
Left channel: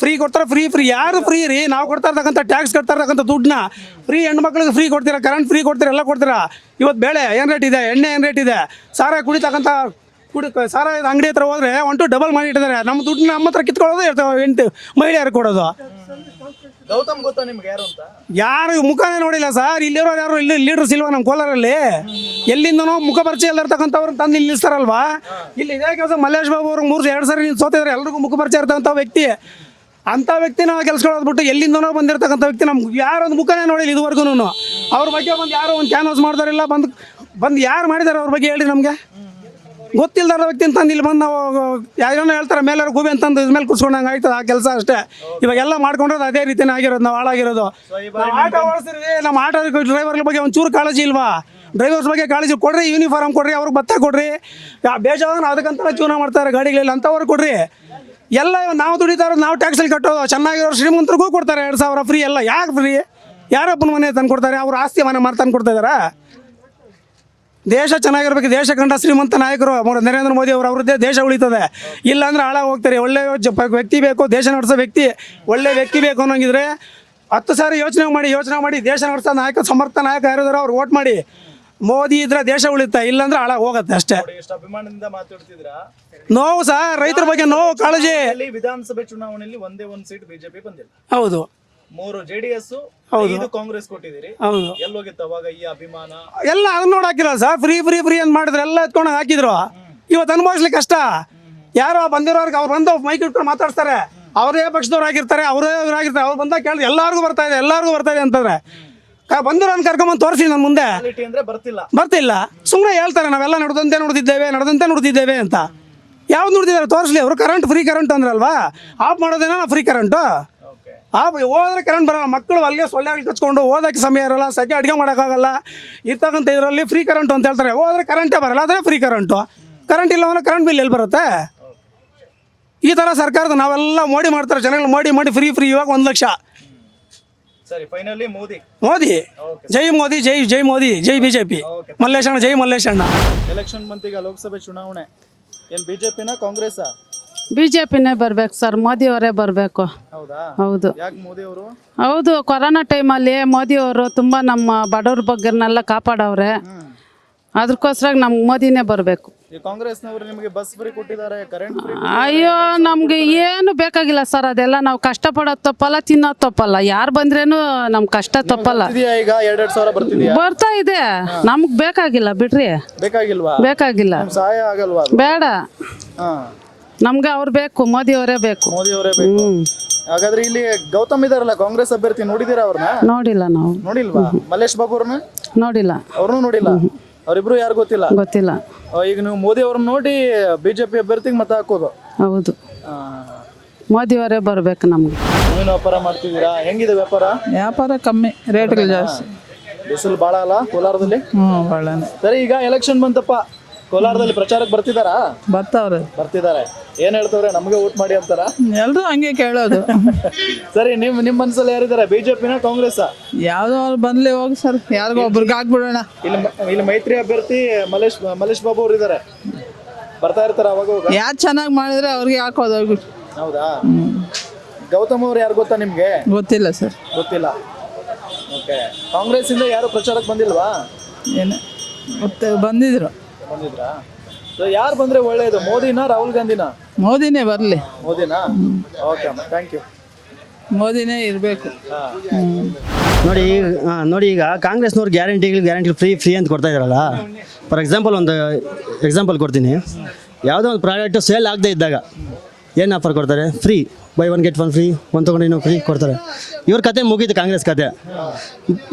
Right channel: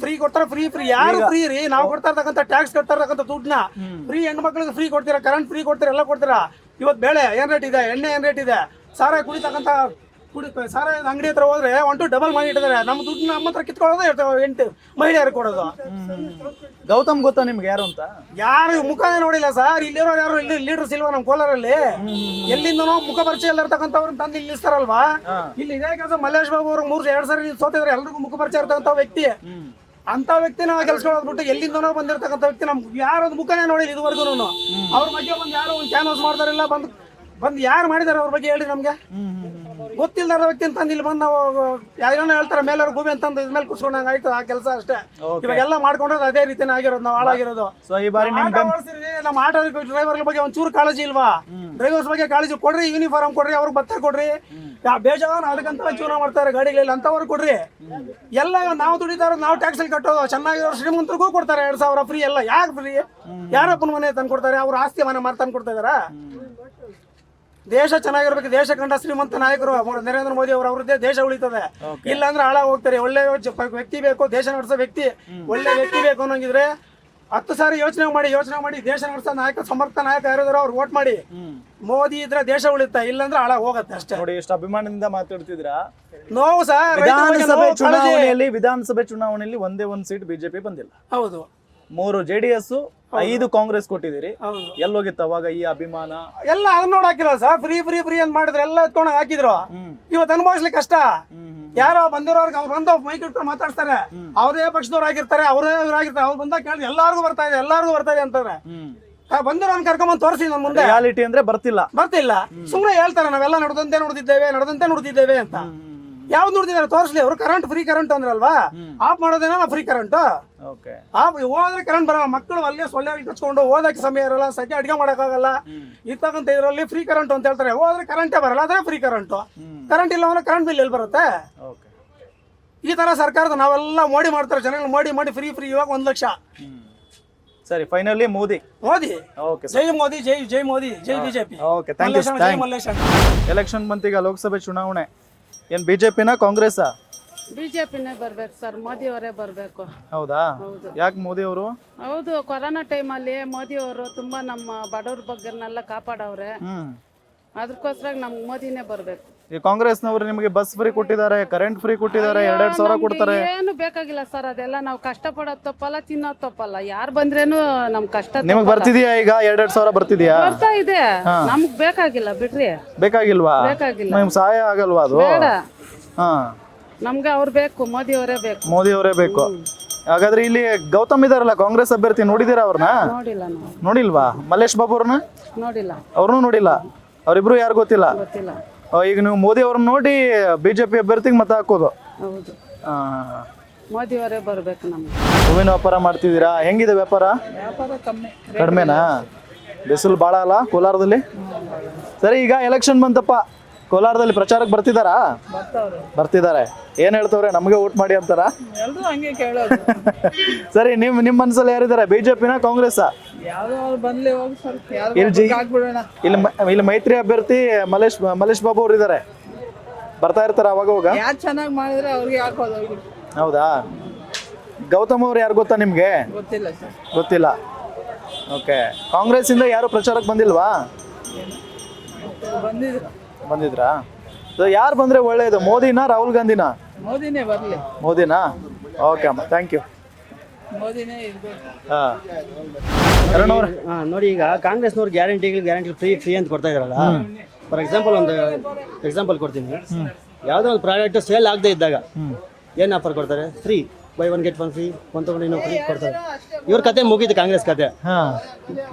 ಫ್ರೀ ಕೊಡ್ತಾರೆ, ಫ್ರೀ ಯಾರು ಫ್ರೀ ರೀ? ನಾವು ಕೊಡ್ತಾ ಇರ್ತಕ್ಕಂಥ ಟ್ಯಾಕ್ಸ್ ಕಟ್ತಾ ಇರ್ತಕ್ಕಂಥ ದುಡ್ಡನ್ನ ಫ್ರೀ ಹೆಣ್ಮಕ್ಳಿಗೆ ಫ್ರೀ ಕೊಡ್ತೀರಾ, ಕರೆಂಟ್ ಫ್ರೀ ಕೊಡ್ತೀರಾ, ಎಲ್ಲ ಕೊಡ್ತೀರಾ. ಇವತ್ತು ಬೇಳೆ ಏನು ರೇಟ್ ಇದೆ, ಎಣ್ಣೆ ಏನು ರೇಟ್ ಇದೆ, ಸಾರ ಕುಡಿತಕ್ಕಂಥ ಸಾರ ಅಂಗಡಿ ಹತ್ರ ಹೋದ್ರೆ 1 ಡಬಲ್ ಮಾಡಿ ಇಟ್ಟಿದ್ದಾರೆ. ನಮ್ಮ ದುಡ್ಡನ್ನ ನಮ್ಮ ಹತ್ರ ಕಿತ್ಕೊಳ್ಳೋದು 8 ಮಹಿಳೆಯರು ಕೊಡೋದು. ಗೌತಮ್ ಗೊತ್ತಾ ನಿಮ್ಗೆ ಯಾರು ಅಂತ? ಯಾರು ಮುಖನೇ ನೋಡಿಲ್ಲ ಸರ್. ಇಲ್ಲಿರೋ ಯಾರು ಇಲ್ಲಿ ಲೀಡರ್ಸ್ ಇಲ್ವಾ ನಮ್ಮ ಕೋಲಾರಲ್ಲಿ? ಎಲ್ಲಿಂದನೋ ಮುಖ ಪರಿಚಯ ಇರ್ತಕ್ಕಂಥವ್ರನ್ನ ತಂದು ಇಲ್ಲಿ ನಿಲ್ಲಿಸ್ತಾರಲ್ವಾ? ಇಲ್ಲಿ ಇದೇ ಕೆಲಸ ಮಲ್ಲೇಶ್ ಬಾಬು ಅವ್ರಿಗೆ 2 ಸಾರಿ ಸೋತಿದ್ರೆ ಎಲ್ರಿಗೂ ಮುಖ ಪರಿಚಯ ಇರ್ತಕ್ಕಂಥ ವ್ಯಕ್ತಿ. ಅಂತ ವ್ಯಕ್ತಿ ನಾವು ಕೆಲ್ಸಗಳೋದ್ಬಿಟ್ಟು ಎಲ್ಲಿಂದನೋ ಬಂದಿರತಕ್ಕಂಥ ವ್ಯಕ್ತಿ ನಮ್ಗೆ ಯಾರೊಂದು ಮುಖನೇ ನೋಡಿಲ್ಲ ಇದುವರೆಗೂ. ಅವ್ರ ಬಗ್ಗೆ ಬಂದು ಯಾರೋ ಒಂದು ಕ್ಯಾನ್ವಾಸ್ ಮಾಡ್ತಾರಿಲ್ಲ, ಬಂದು ಯಾರು ಮಾಡಿದಾರೆ ಅವ್ರ ಬಗ್ಗೆ ಹೇಳಿ ನಮ್ಗೆ. ಗೊತ್ತಿಲ್ದಾರ ವ್ಯಕ್ತಿ ಅಂತಂದು ಇಲ್ಲಿ ಬಂದು ನಾವು ಯಾರೋ ಹೇಳ್ತಾರೆ ಮೇಲವ್ರು ಗೂಬೆ ಅಂತಂದು ಇದ್ಮೇಲೆ ಕುತ್ಕೊಂಡಂಗೆ ಆಯ್ತದ ಆ ಕೆಲಸ ಅಷ್ಟೇ. ಇವಾಗೆಲ್ಲ ಮಾಡ್ಕೊಂಡ್ರೆ ಅದೇ ರೀತಿನೇ ಆಗಿರೋದು. ನಾವು ಹಾಳಾಗಿರೋದು. ನಮ್ಮ ಆಟೋ ಡ್ರೈವರ್ ಬಗ್ಗೆ ಒಂಚೂರು ಕಾಳಜಿ ಇಲ್ವಾ? ಡ್ರೈವರ್ಸ್ ಬಗ್ಗೆ ಕಾಳಜಿ ಕೊಡ್ರಿ. ಯೂನಿಫಾರ್ಮ್ ಕೊಡ್ರಿ, ಅವ್ರಿಗೆ ಭತ್ತ ಕೊಡ್ರಿ. ಬೇಜಾರು ಅದಕ್ಕಂತ ಜೀವನ ಮಾಡ್ತಾರೆ ಗಾಡಿಗಳಲ್ಲಿ, ಅಂತವ್ರು ಕೊಡ್ರಿ. ಎಲ್ಲ ನಾವು ದುಡಿತಾ ಇರೋದು, ನಾವು ಟ್ಯಾಕ್ಸಲ್ಲಿ ಕಟ್ಟೋದು. ಚೆನ್ನಾಗಿರೋ ಶ್ರೀಮಂತರಿಗೂ ಕೊಡ್ತಾರೆ 2,000 ಫ್ರೀ. ಎಲ್ಲ ಯಾಕೆ ಫ್ರೀ? ಯಾರಪ್ಪನ ಮನೆ ತಂದು ಕೊಡ್ತಾರೆ? ಅವ್ರ ಆಸ್ತಿ ಮನೆ ಮಾಡಿ ತಂದು ಕೊಡ್ತಾ ಇದಾರ? ದೇಶ ಚೆನ್ನಾಗಿರ್ಬೇಕು. ದೇಶ ಕಂಡ ಶ್ರೀಮಂತ ನಾಯಕರು ನರೇಂದ್ರ ಮೋದಿ ಅವರು, ಅವ್ರದ್ದೇ ದೇಶ ಉಳಿತದೆ. ಇಲ್ಲಾಂದ್ರೆ ಹಾಳಾಗಿ ಹೋಗ್ತಾರೆ. ಒಳ್ಳೆ ವ್ಯಕ್ತಿ ಬೇಕು, ದೇಶ ನಡೆಸೋ ವ್ಯಕ್ತಿ, ಒಳ್ಳೆ ವ್ಯಕ್ತಿ ಬೇಕು ಅನ್ನೋಂಗಿದ್ರೆ 10 ಸಾರಿ ಯೋಚನೆ ಮಾಡಿ ದೇಶ ನಡೆಸೋ ನಾಯಕ, ಸಮರ್ಥ ನಾಯಕ ಯಾರಿದಾರೋ ಅವ್ರು ವೋಟ್ ಮಾಡಿ. ಮೋದಿ ಇದ್ರೆ ದೇಶ ಉಳಿತ, ಇಲ್ಲಾಂದ್ರೆ ಹಾಳಾಗಿ ಹೋಗುತ್ತೆ ಅಷ್ಟೇ. ಎಷ್ಟು ಅಭಿಮಾನದಿಂದ ಮಾತಾಡ್ತಿದ್ರಾ? ನೋವು ಸರ್, ರೈತರ ಬಗ್ಗೆ ನೋವು, ಕಾಳಜಿ. ವಿಧಾನಸಭೆ ಚುನಾವಣೆಯಲ್ಲಿ ಒಂದೇ ಒಂದು ಸೀಟ್ ಬಿಜೆಪಿ ಬಂದಿಲ್ಲ. ಹೌದು. 3 JDS, 5 ಕಾಂಗ್ರೆಸ್ ಕೊಟ್ಟಿದ್ದೀರಿ. ಎಲ್ಲೋಗಿತ್ತು ಅವಾಗ ಈ ಅಭಿಮಾನ? ಎಲ್ಲ ಅದನ್ನ ನೋಡಿ ಹಾಕಿರಲ್ಲ ಸರ್. ಫ್ರೀ ಅಂತ ಮಾಡಿದ್ರೆ ಎಲ್ಲ ಎತ್ಕೊಂಡು ಹಾಕಿದ್ರು. ಇವತ್ತು ಅನುಭವಿಸ್ಲಿಕ್ಕೆ ಕಷ್ಟ. ಯಾರೋ ಬಂದಿರೋರ್ಗೆ ಅವ್ರು ಬಂದು ಮೈಕ್ ಇಟ್ಕೊಂಡು ಮಾತಾಡ್ತಾರೆ. ಅವರೇ ಪಕ್ಷದವ್ರು ಆಗಿರ್ತಾರೆ, ಅವರೇ ಇವ್ರಾಗಿರ್ತಾರೆ. ಅವ್ರು ಬಂದಾಗ ಕೇಳಿದ್ರೆ ಎಲ್ಲಾರ್ಗೂ ಬರ್ತಾ ಇದೆ ಅಂತಂದ್ರೆ ಬಂದಿರೋನ್ ಕರ್ಕೊಂಬಂದು ತೋರಿಸಿ ನನ್ನ ಮುಂದೆ. ಅಂದ್ರೆ ಬರ್ತಿಲ್ಲ. ಸುಮ್ಮನೆ ಹೇಳ್ತಾರೆ ನಾವೆಲ್ಲ ನಡೆದಂತೆ ನೋಡ್ತಿದ್ದೇವೆ ಅಂತ. ಯಾವ್ದು ನೋಡ್ತಿದ್ದಾರೆ ತೋರಿಸ್ಲಿ. ಅವರು ಫ್ರೀ ಕರೆಂಟ್ ಅಂದ್ರಲ್ವಾ? ಆಫ್ ಮಾಡೋದೇನ ಫ್ರೀ ಕರೆಂಟ್? ಹೋದ್ರೆ ಕರೆಂಟ್ ಬರೋಲ್ಲ. ಮಕ್ಕಳು ಅಲ್ಲಿಗೆ ಸೊಳ್ಳೆ ಕಚ್ಕೊಂಡು ಓದಕ್ಕೆ ಸಮಯ ಇರಲ್ಲ, ಸೆಕೆ ಅಡುಗೆ ಮಾಡೋಕ್ಕಾಗಲ್ಲ. ಇರ್ತಕ್ಕಂಥ ಇದರಲ್ಲಿ ಫ್ರೀ ಕರೆಂಟ್ ಅಂತ ಹೇಳ್ತಾರೆ. ಹೋದ್ರೆ ಕರೆಂಟೇ ಬರಲ್ಲ, ಅದೇ ಫ್ರೀ ಕರೆಂಟು. ಕರೆಂಟ್ ಇಲ್ಲ ಅಂದ್ರೆ ಕರೆಂಟ್ ಬಿಲ್ ಎಲ್ಲಿ ಬರುತ್ತೆ? ಈ ಥರ ಸರ್ಕಾರದ ನಾವೆಲ್ಲ ಮೋಡಿ ಮಾಡ್ತಾರೆ. ಜನಗಳು ಮೋಡಿ ಫ್ರೀ ಇವಾಗ 1 ಲಕ್ಷ. ಸರಿ, ಫೈನಲಿ ಮೋದಿ. ಜೈ ಮೋದಿ, ಜೈ ಮೋದಿ, ಜೈ ಬಿಜೆಪಿ. ಮಲ್ಲೇಶಣ್ಣ, ಜೈ ಮಲ್ಲೇಶಣ್ಣ. ಎಲೆಕ್ಷನ್ ಬಂತೀಗ, ಲೋಕಸಭೆ ಚುನಾವಣೆ. ಏನ್ ಬಿಜೆಪಿನ ಕಾಂಗ್ರೆಸ್? ಬಿಜೆಪಿನೇ ಬರ್ಬೇಕು ಸರ್. ಮೋದಿ ಅವರೇ ಬರಬೇಕು. ಹೌದಾ? ಹೌದು. ಯಾಕೆ ಮೋದಿ ಅವರು? ಹೌದು, ಕೊರೋನಾ ಟೈಮಲ್ಲಿ ಮೋದಿ ಅವರು ತುಂಬಾ ನಮ್ಮ ಬಡವ್ರ ಬಗ್ಗರ್ನೆಲ್ಲ ಕಾಪಾಡವ್ರೆ. ಅದಕ್ಕೋಸ್ಕರ ನಮ್ಗೆ ಮೋದಿನೇ ಬರಬೇಕು. ಕಾಂಗ್ರೆಸ್ನವರು ನಿಮಗೆ ಬಸ್ ಫ್ರೀ ಕೊಟ್ಟಿದ್ದಾರೆ, ಕರೆಂಟ್ ಫ್ರೀ ಅಯ್ಯೋ, ನಮ್ಗೆ ಏನು ಬೇಕಾಗಿಲ್ಲ ಸರ್. ಅದೆಲ್ಲ ನಾವು ಕಷ್ಟಪಡೋದು ತಪ್ಪಲ್ಲ, ತಿನ್ನೋದು ತಪ್ಪಲ್ಲ. ಯಾರು ಬಂದ್ರೇನು ನಮ್ ಕಷ್ಟ ತಪ್ಪಲ್ಲ. ಈಗ 2,000 ಬರ್ತಿದ್ಯಾ? ಬರ್ತಾ ಇದೆ. ನಮ್ಗ್ ಬೇಕಾಗಿಲ್ಲ ಬಿಡ್ರಿ. ಬೇಕಾಗಿಲ್ಲ. ಸಹಾಯ ಆಗಲ್ವಾ? ಬೇಡ. ನಮ್ಗೆ ಅವ್ರು ಬೇಕು, ಮೋದಿ ಅವರೇ ಬೇಕು. ಹಾಗಾದ್ರೆ ಇಲ್ಲಿ ಗೌತಮ್ ಇದಾರಲ್ಲ, ಕಾಂಗ್ರೆಸ್ ಅಭ್ಯರ್ಥಿ, ನೋಡಿದೀರಾ ಅವ್ರನ್ನ? ನೋಡಿಲ್ಲ. ನಾವು ನೋಡಿಲ್ವಾ? ಮಲ್ಲೇಶ್ ಬಾಬು ಅವ್ರನ್ನ ನೋಡಿಲ್ಲ. ಅವ್ರನ್ನೂ ನೋಡಿಲ್ಲ. ಅವ್ರಿಬ್ರು ಯಾರು ಗೊತ್ತಿಲ್ಲ? ಈಗ ನೀವು ಮೋದಿ ಅವ್ರನ್ನ ನೋಡಿ ಬಿಜೆಪಿ ಅಭ್ಯರ್ಥಿಗೆ ಮತ ಹಾಕೋದು? ಹೌದು. ಮೋದಿ ಅವರೇ ಬರ್ಬೇಕು ನಮ್ಗೆ. ಹೂವಿನ ವ್ಯಾಪಾರ ಮಾಡ್ತಿದ್ದೀರಾ? ಹೆಂಗಿದೆ ವ್ಯಾಪಾರ? ಕಮ್ಮಿ, ರೇಟ್ ಬಿಸಿಲು ಬಾಳ ಅಲ್ಲ ಕೋಲಾರದಲ್ಲಿ? ಸರಿ, ಈಗ ಎಲೆಕ್ಷನ್ ಬಂತಪ್ಪ, ಕೋಲಾರದಲ್ಲಿ ಪ್ರಚಾರಕ್ಕೆ ಬರ್ತಿದ್ದಾರೆ. ಏನ್ ಹೇಳ್ತವ್ರೆ? ನಮಗೆ ವೋಟ್ ಮಾಡಿ ಅಂತಾರ? ಎಲ್ರು ಹಂಗೆ ಕೇಳೋದು. ಸರಿ, ನಿಮ್ ಮನ್ಸಲ್ಲಿ ಯಾರಿದ್ದಾರೆ? ಬಿಜೆಪಿನ ಕಾಂಗ್ರೆಸ್? ಯಾವ್ದೋ ಬಂದ್ಲಿ ಹೋಗಿ ಸರ್, ಹಾಕ್ಬಿಡೋಣ. ಇಲ್ಲಿ ಮೈತ್ರಿ ಅಭ್ಯರ್ಥಿ ಮಲ್ಲೇಶ್ ಬಾಬು ಅವ್ರು ಇದಾರೆ. ಬರ್ತಾ ಇರ್ತಾರ ಅವಾಗ? ಯಾರು ಚೆನ್ನಾಗಿ ಮಾಡಿದ್ರೆ ಅವ್ರಿಗೆ ಹಾಕೋದು. ಹೌದಾ? ಗೌತಮ್ ಅವ್ರು ಯಾರು ಗೊತ್ತಾ ನಿಮ್ಗೆ? ಗೊತ್ತಿಲ್ಲ ಸರ್. ಗೊತ್ತಿಲ್ಲ. ಓಕೆ. ಕಾಂಗ್ರೆಸ್ ಇಂದ ಯಾರು ಪ್ರಚಾರಕ್ಕೆ ಬಂದಿಲ್ವಾ? ಏನು ಬಂದಿದ್ರು. ಬಂದಿದ್ರಾ? ಯಾರು ಬಂದ್ರೆ ಒಳ್ಳೇದು, ಮೋದಿನಾ ರಾಹುಲ್ ಗಾಂಧಿನಾ? ಮೋದಿನೇ ಬರಲಿ. ಮೋದಿನಾ? ಓಕೆ ಅಮ್ಮ, ಥ್ಯಾಂಕ್ ಯು. ಮೋದಿನೇ ಇರಬೇಕು. ನೋಡಿ ಈಗ ಕಾಂಗ್ರೆಸ್ನವ್ರು ಗ್ಯಾರಂಟಿ ಫ್ರೀ ಅಂತ ಕೊಡ್ತಾ ಇದಾರಲ್ಲ. ಫಾರ್ ಎಕ್ಸಾಂಪಲ್ ಒಂದು ಎಕ್ಸಾಂಪಲ್ ಕೊಡ್ತೀನಿ. ಯಾವುದೋ ಒಂದು ಪ್ರಾಡಕ್ಟ್ ಸೇಲ್ ಆಗದೆ ಇದ್ದಾಗ ಏನು ಆಫರ್ ಕೊಡ್ತಾರೆ? ಫ್ರೀ, ಬೈ 1 get 1 ಫ್ರೀ, ಒಂದು ತೊಗೊಂಡು ಇನ್ನೂ ಫ್ರೀ ಕೊಡ್ತಾರೆ. ಇವ್ರ ಕತೆ ಮುಗೀತು, ಕಾಂಗ್ರೆಸ್ ಕತೆ.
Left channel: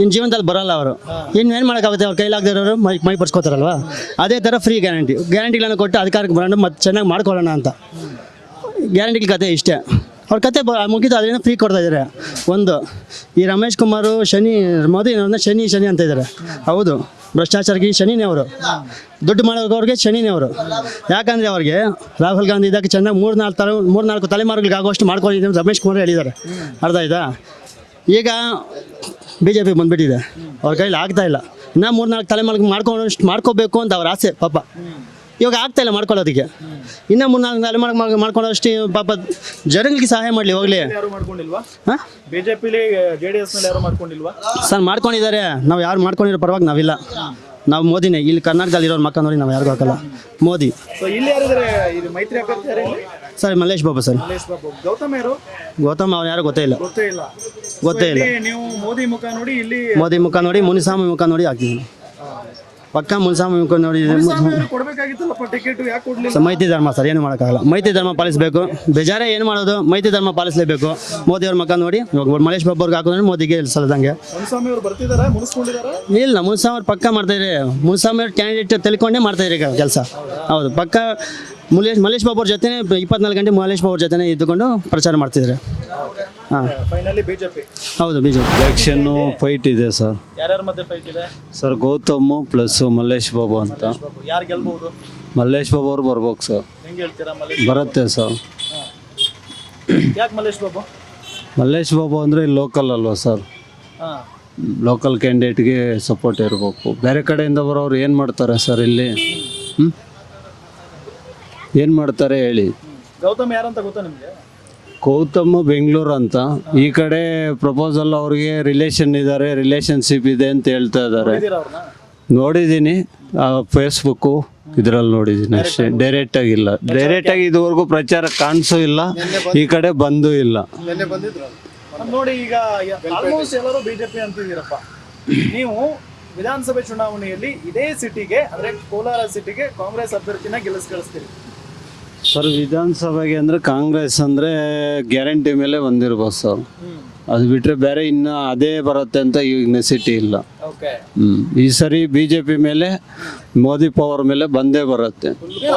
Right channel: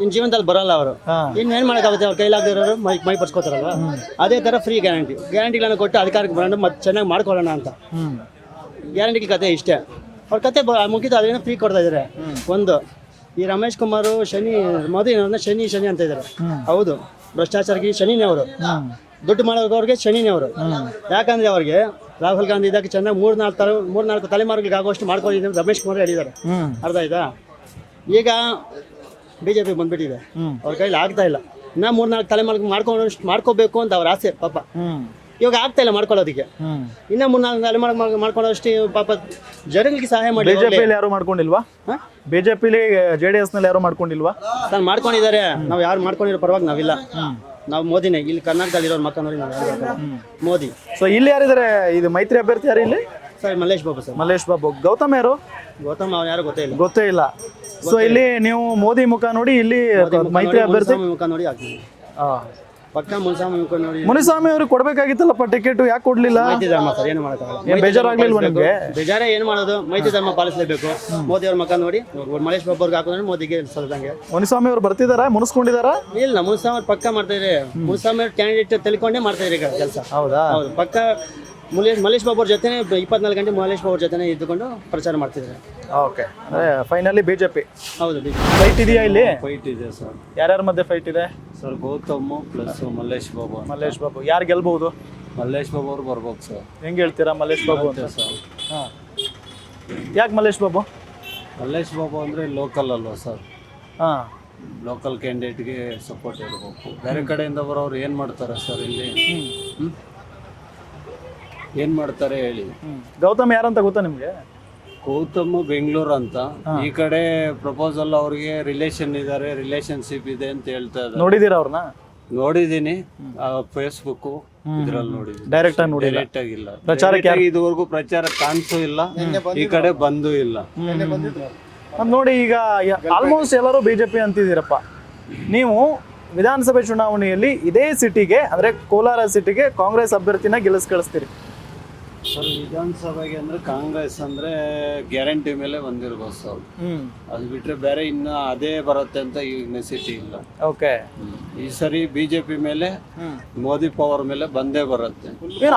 ಇನ್ನು ಜೀವನದಲ್ಲಿ ಬರಲ್ಲ ಅವರು. ಇನ್ನೇನು ಮಾಡೋಕ್ಕಾಗುತ್ತೆ? ಅವ್ರ ಕೈಲಾಗದೆ ಇರೋರು ಮೈ ಪರ್ಸ್ಕೋತಾರಲ್ವ. ಅದೇ ಥರ ಫ್ರೀ ಗ್ಯಾರಂಟಿಗಳನ್ನು ಕೊಟ್ಟು ಅಧಿಕಾರಕ್ಕೆ ಬರೋಣ, ಮತ್ತೆ ಚೆನ್ನಾಗಿ ಮಾಡ್ಕೊಳ್ಳೋಣ ಅಂತ. ಗ್ಯಾರಂಟಿಗಳ ಕತೆ ಇಷ್ಟೇ. ಅವ್ರ ಕತೆ ಮುಗಿದು ಅದೇನೋ ಫ್ರೀ ಕೊಡ್ತಾ ಇದ್ದಾರೆ. ಒಂದು ಈ ರಮೇಶ್ ಕುಮಾರ್ ಮೋದಿ ಶನಿ ಅಂತ ಇದ್ದಾರೆ. ಹೌದು, ಭ್ರಷ್ಟಾಚಾರಕ್ಕೆ ಶನಿನೇ ಅವರು, ದುಡ್ಡು ಮಾಡೋರ್ಗೆ ಶನಿನೇ ಅವರು. ಯಾಕಂದರೆ ಅವ್ರಿಗೆ ರಾಹುಲ್ ಗಾಂಧಿ ಇದ್ದಕ್ಕೆ ಚೆನ್ನಾಗಿ 3-4 ತಲೆಮಾರುಗಳಿಗೆ ಆಗುವಷ್ಟು ಮಾಡ್ಕೊಂಡಿದ್ದೀವಿ ರಮೇಶ್ ಕುಮಾರ್ ಹೇಳಿದ್ದಾರೆ. ಅರ್ಥ ಆಯ್ತಾ? ಈಗ BJP ಬಂದ್ಬಿಟ್ಟಿದೆ, ಅವ್ರ ಕೈಲಿ ಆಗ್ತಾ ಇಲ್ಲ. ಇನ್ನೂ 3-4 ತಲೆಮಾರಿಗೆ ಮಾಡ್ಕೋಬೇಕು ಅಂತ ಅವ್ರ ಆಸೆ ಪಾಪ. ಇವಾಗ ಆಗ್ತಾ ಇಲ್ಲ ಮಾಡ್ಕೊಳ್ಳೋದಕ್ಕೆ. ಇನ್ನೂ 3-4 ತಲೆಮಾರಿಗೆ ಮಾಡ್ಕೊಳ್ಳೋಷ್ಟು ಪಾಪ ಜನಗಳಿಗೆ ಸಹಾಯ ಮಾಡಲಿ. ಯಾರು ಮಾಡ್ಕೊಂಡಿಲ್ವಾ? ಬಿಜೆಪಿಲಿ JDS ನಲ್ಲಿ ಯಾರು ಮಾಡ್ಕೊಂಡಿಲ್ವಾ? ಸರ್ ಮಾಡ್ಕೊಂಡಿದ್ದಾರೆ. ನಾವು ಯಾರು ಮಾಡ್ಕೊಂಡಿರೋ ಪರವಾಗಿ ನಾವಿಲ್ಲ. ನಾವು ಮೋದಿನೇ. ಇಲ್ಲಿ ಕರ್ನಾಟಕದಲ್ಲಿ ಇರೋರು ಮಕ್ಕ ನೋಡಿ ನಾವು ಯಾರಿಗೂ ಹಾಕಲ್ಲ, ಮೋದಿ. ಸೊ ಇಲ್ಲಿ ಯಾರಿದ್ದಾರೆ? ಇದು ಮೈತ್ರಿ ಅಭ್ಯರ್ಥಿ ಯಾರು ಇಲ್ಲಿ? Sir Mallesh Babu sir. ಮಲ್ಲೇಶ್ ಬಾಬು. ಗೌತಮ್ ಯಾರು? ಗೌತಮ್ ಅವ್ರು ಯಾರು ಗೊತ್ತೇ ಇಲ್ಲ. ಗೊತ್ತೇ ಇಲ್ಲ. ಇಲ್ಲಿ ನೀವು ಮೋದಿ ಮುಖ ನೋಡಿ, ಇಲ್ಲಿ ಮೋದಿ ಮುಖ ನೋಡಿ, ಮುನಿಸ್ವಾಮಿ ಮುಖ ನೋಡಿ ಹಾಕ್ತೀವಿ. ಪಕ್ಕ ಮುನಿಸ್ವಾಮಿ ಮುಖ ನೋಡಿ. ಮುನಿಸ್ವಾಮಿ ಅವರು ಕೊಡ್ಬೇಕಾಗಿತ್ತಲ್ಲಪ್ಪ ಟಿಕೆಟ್, ಯಾಕೆ ಕೊಡ್ಲಿಲ್ಲ? ಮೈತ್ರಿ ಧರ್ಮ ಸರ್, ಏನು ಮಾಡೋಕ್ಕಾಗಲ್ಲ. ಮೈತ್ರಿ ಧರ್ಮ ಪಾಲಿಸಬೇಕು. ಬೇಜಾರೇ ಏನು ಮಾಡೋದು? ಮೈತ್ರಿ ಧರ್ಮ ಪಾಲಿಸಲೇಬೇಕು. ಮೋದಿ ಅವ್ರ ಮುಖ ನೋಡಿ ಮಲ್ಲೇಶ್ ಬಾಬು ಅವ್ರಿಗೆ ಹಾಕಿದ್ರೆ ಮೋದಿಗೆ ಸಲ್ಲದಂಗೆ. ಮುನಿಸ್ವಾಮಿ ಅವರು ಬರ್ತಿದಾರಾ? ಮುನಿಸ್ಕೊಂಡಿದಾರಾ? ಇಲ್ಲ, ಮುನಿಸ್ವಾಮಿ ಅವ್ರು ಪಕ್ಕ ಮಾಡ್ತಾ ಇದ್ದಾರೆ. ಮುನಿಸ್ವಾಮಿ ಅವ್ರ ಕ್ಯಾಂಡಿಡೇಟ್ ತಿಳ್ಕೊಂಡೇ ಮಾಡ್ತಾ ಇದ್ದಾರೆ ಈಗ ಕೆಲಸ. ಹೌದು, ಪಕ್ಕ ಮಲ್ಲೇಶ್ ಬಾಬು ಅವ್ರ ಜೊತೆ 24 ಗಂಟೆ ಮಲ್ಲೇಶ್ ಬಾಬು ಅವ್ರ ಜೊತೆ ಇದ್ದುಕೊಂಡು ಪ್ರಚಾರ ಮಾಡ್ತಿದ್ದಾರೆ. ಓಕೆ. Finally BJP. ಹೌದು, ಬಿಜೆಪಿ ಫೈಟ್ ಇದೆ ಸರ್. ಯಾರ್ಯಾರ ಮಧ್ಯೆ ಫೈಟ್ ಇದೆ ಸರ್? ಗೌತಮ್ ಪ್ಲಸ್ ಮಲ್ಲೇಶ್ ಬಾಬು ಅಂತ. ಮಲ್ಲೇಶ್ ಬಾಬು. ಯಾರು ಗೆಲ್ಬಹುದು? ಮಲ್ಲೇಶ್ ಬಾಬು ಅವ್ರು ಬರ್ಬೇಕು ಸರ್. ಹೆಂಗ್ ಹೇಳ್ತೀರಾ? ಮಲ್ಲೇಶ್ ಬರುತ್ತೆ ಸರ್. ಯಾಕೆ ಮಲ್ಲೇಶ್ ಬಾಬು? ಮಲ್ಲೇಶ್ ಬಾಬು ಅಂದರೆ ಲೋಕಲ್ ಅಲ್ವಾ ಸರ್? ಲೋಕಲ್ ಕ್ಯಾಂಡಿಡೇಟ್ಗೆ ಸಪೋರ್ಟ್ ಇರಬೇಕು. ಬೇರೆ ಕಡೆಯಿಂದ ಬರೋರು ಏನು ಮಾಡ್ತಾರೆ ಸರ್ ಇಲ್ಲಿ? ಏನು ಮಾಡ್ತಾರೆ ಹೇಳಿ? ಗೌತಮ್ ಯಾರಂತ ಗೊತ್ತಾ ನಿಮ್ಗೆ? ಗೌತಮ್ ಬೆಂಗಳೂರು ಅಂತ. ಈ ಕಡೆ ಪ್ರಪೋಸಲ್ ಅವ್ರಿಗೆ ರಿಲೇಷನ್ ಇದ್ದಾರೆ, ರಿಲೇಷನ್ಶಿಪ್ ಇದೆ ಅಂತ ಹೇಳ್ತಾ ಇದ್ದಾರೆ. ನೋಡಿದೀರಾ ಅವ್ರನ್ನ? ನೋಡಿದ್ದೀನಿ, ಫೇಸ್ಬುಕ್ಕು ಇದರಲ್ಲಿ ನೋಡಿದ್ದೀನಿ ಅಷ್ಟೇ. ಡೈರೆಕ್ಟ್ ಆಗಿಲ್ಲ. ಡೈರೆಕ್ಟ್ ಆಗಿ ಇದುವರೆಗೂ ಪ್ರಚಾರ ಕಾಣಿಸೂ ಇಲ್ಲ, ಈ ಕಡೆ ಬಂದೂ ಇಲ್ಲ. ನೋಡಿ, ಈಗ ಆಲ್ಮೋಸ್ಟ್ ಎಲ್ಲರೂ ಬಿಜೆಪಿ ಅಂತಿದ್ದೀರಪ್ಪ. ನೀವು ವಿಧಾನಸಭೆ ಚುನಾವಣೆಯಲ್ಲಿ ಇದೇ ಸಿಟಿಗೆ, ಅಂದ್ರೆ ಕೋಲಾರ ಸಿಟಿಗೆ ಕಾಂಗ್ರೆಸ್ ಅಭ್ಯರ್ಥಿನ ಕಳಿಸ್ತೀರಿ ಸರ್? ವಿಧಾನಸಭೆಗೆ ಅಂದ್ರೆ ಕಾಂಗ್ರೆಸ್ ಅಂದ್ರೆ ಗ್ಯಾರಂಟಿ ಮೇಲೆ ಬಂದಿರ್ಬೋದು ಸರ್. ಅದು ಬಿಟ್ರೆ ಬೇರೆ ಇನ್ನು ಅದೇ ಬರುತ್ತೆ ಅಂತ ಈಗ ನೆಸಿಟಿ ಇಲ್ಲ. ಓಕೆ. ಈ ಸರಿ ಬಿಜೆಪಿ ಮೇಲೆ, ಮೋದಿ ಪವರ್ ಮೇಲೆ ಬಂದೇ ಬರುತ್ತೆ.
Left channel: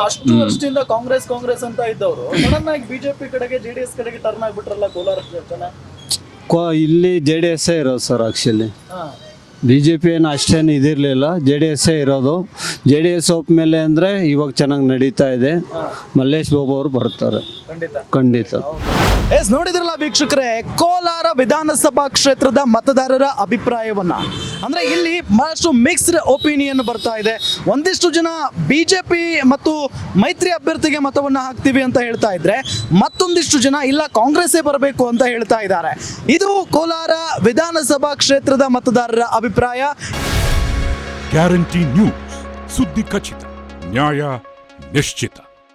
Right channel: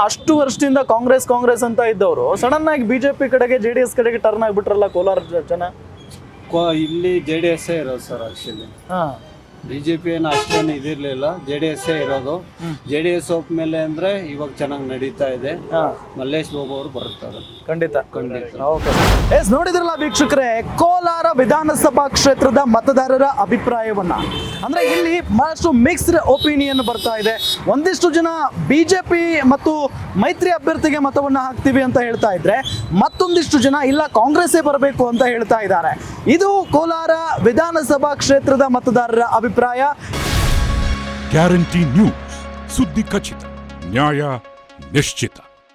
ಅಷ್ಟು ವರ್ಷದಿಂದ ಕಾಂಗ್ರೆಸ್ ಅಂತ ಇದ್ದವರು ಸಡನ್ ಆಗಿ ಬಿಜೆಪಿ ಕಡೆಗೆ, JDS ಕಡೆಗೆ ಟರ್ನ್ ಆಗ್ಬಿಟ್ರಲ್ಲ ಕೋಲಾರ ಜನ. ಇಲ್ಲಿ JDS ಇರೋದು ಸರ್. ಆಕ್ಚುಲಿ BJP ಏನು ಅಷ್ಟೇನು ಇದಿರಲಿಲ್ಲ, JDS ಇರೋದು. JDS ಹೋಗ್ಮೇಲೆ ಅಂದರೆ ಇವಾಗ ಚೆನ್ನಾಗಿ ನಡೀತಾ ಇದೆ. ಮಲ್ಲೇಶ್ ಬಾಬು ಅವರು ಬರ್ತಾರೆ ಖಂಡಿತ. ನೋಡಿದ್ರಲ್ಲ ವೀಕ್ಷಕರೇ, ಕೋಲಾರ ವಿಧಾನಸಭಾ ಕ್ಷೇತ್ರದ ಮತದಾರರ ಅಭಿಪ್ರಾಯವನ್ನು. ಅಂದ್ರೆ ಇಲ್ಲಿ ಬಹಳಷ್ಟು ಮಿಕ್ಸ್ಡ್ ಒಪಿನಿಯನ್ ಬರ್ತಾ ಇದೆ. ಒಂದಿಷ್ಟು ಜನ ಬಿಜೆಪಿ ಮತ್ತು ಮೈತ್ರಿ ಅಭ್ಯರ್ಥಿಗೆ ಮತವನ್ನ ಹಾಕ್ತೀವಿ ಅಂತ ಹೇಳ್ತಾ ಇದ್ರೆ, ಮತ್ತೊಂದಿಷ್ಟು ಜನ ಇಲ್ಲ ಕಾಂಗ್ರೆಸ್ಸೇ ಬರಬೇಕು ಅಂತ ಹೇಳ್ತಾ ಇದ್ದಾರೆ. ಇದು ಕೋಲಾರ ವಿಧಾನಸಭಾ ಕ್ಷೇತ್ರದ ಮತದಾರರ ಅಭಿಪ್ರಾಯ. ಗ್ಯಾರಂಟಿ ನ್ಯೂಸ್, ಸುದ್ದಿ ಖಚಿತ, ನ್ಯಾಯ ನಿಶ್ಚಿತ.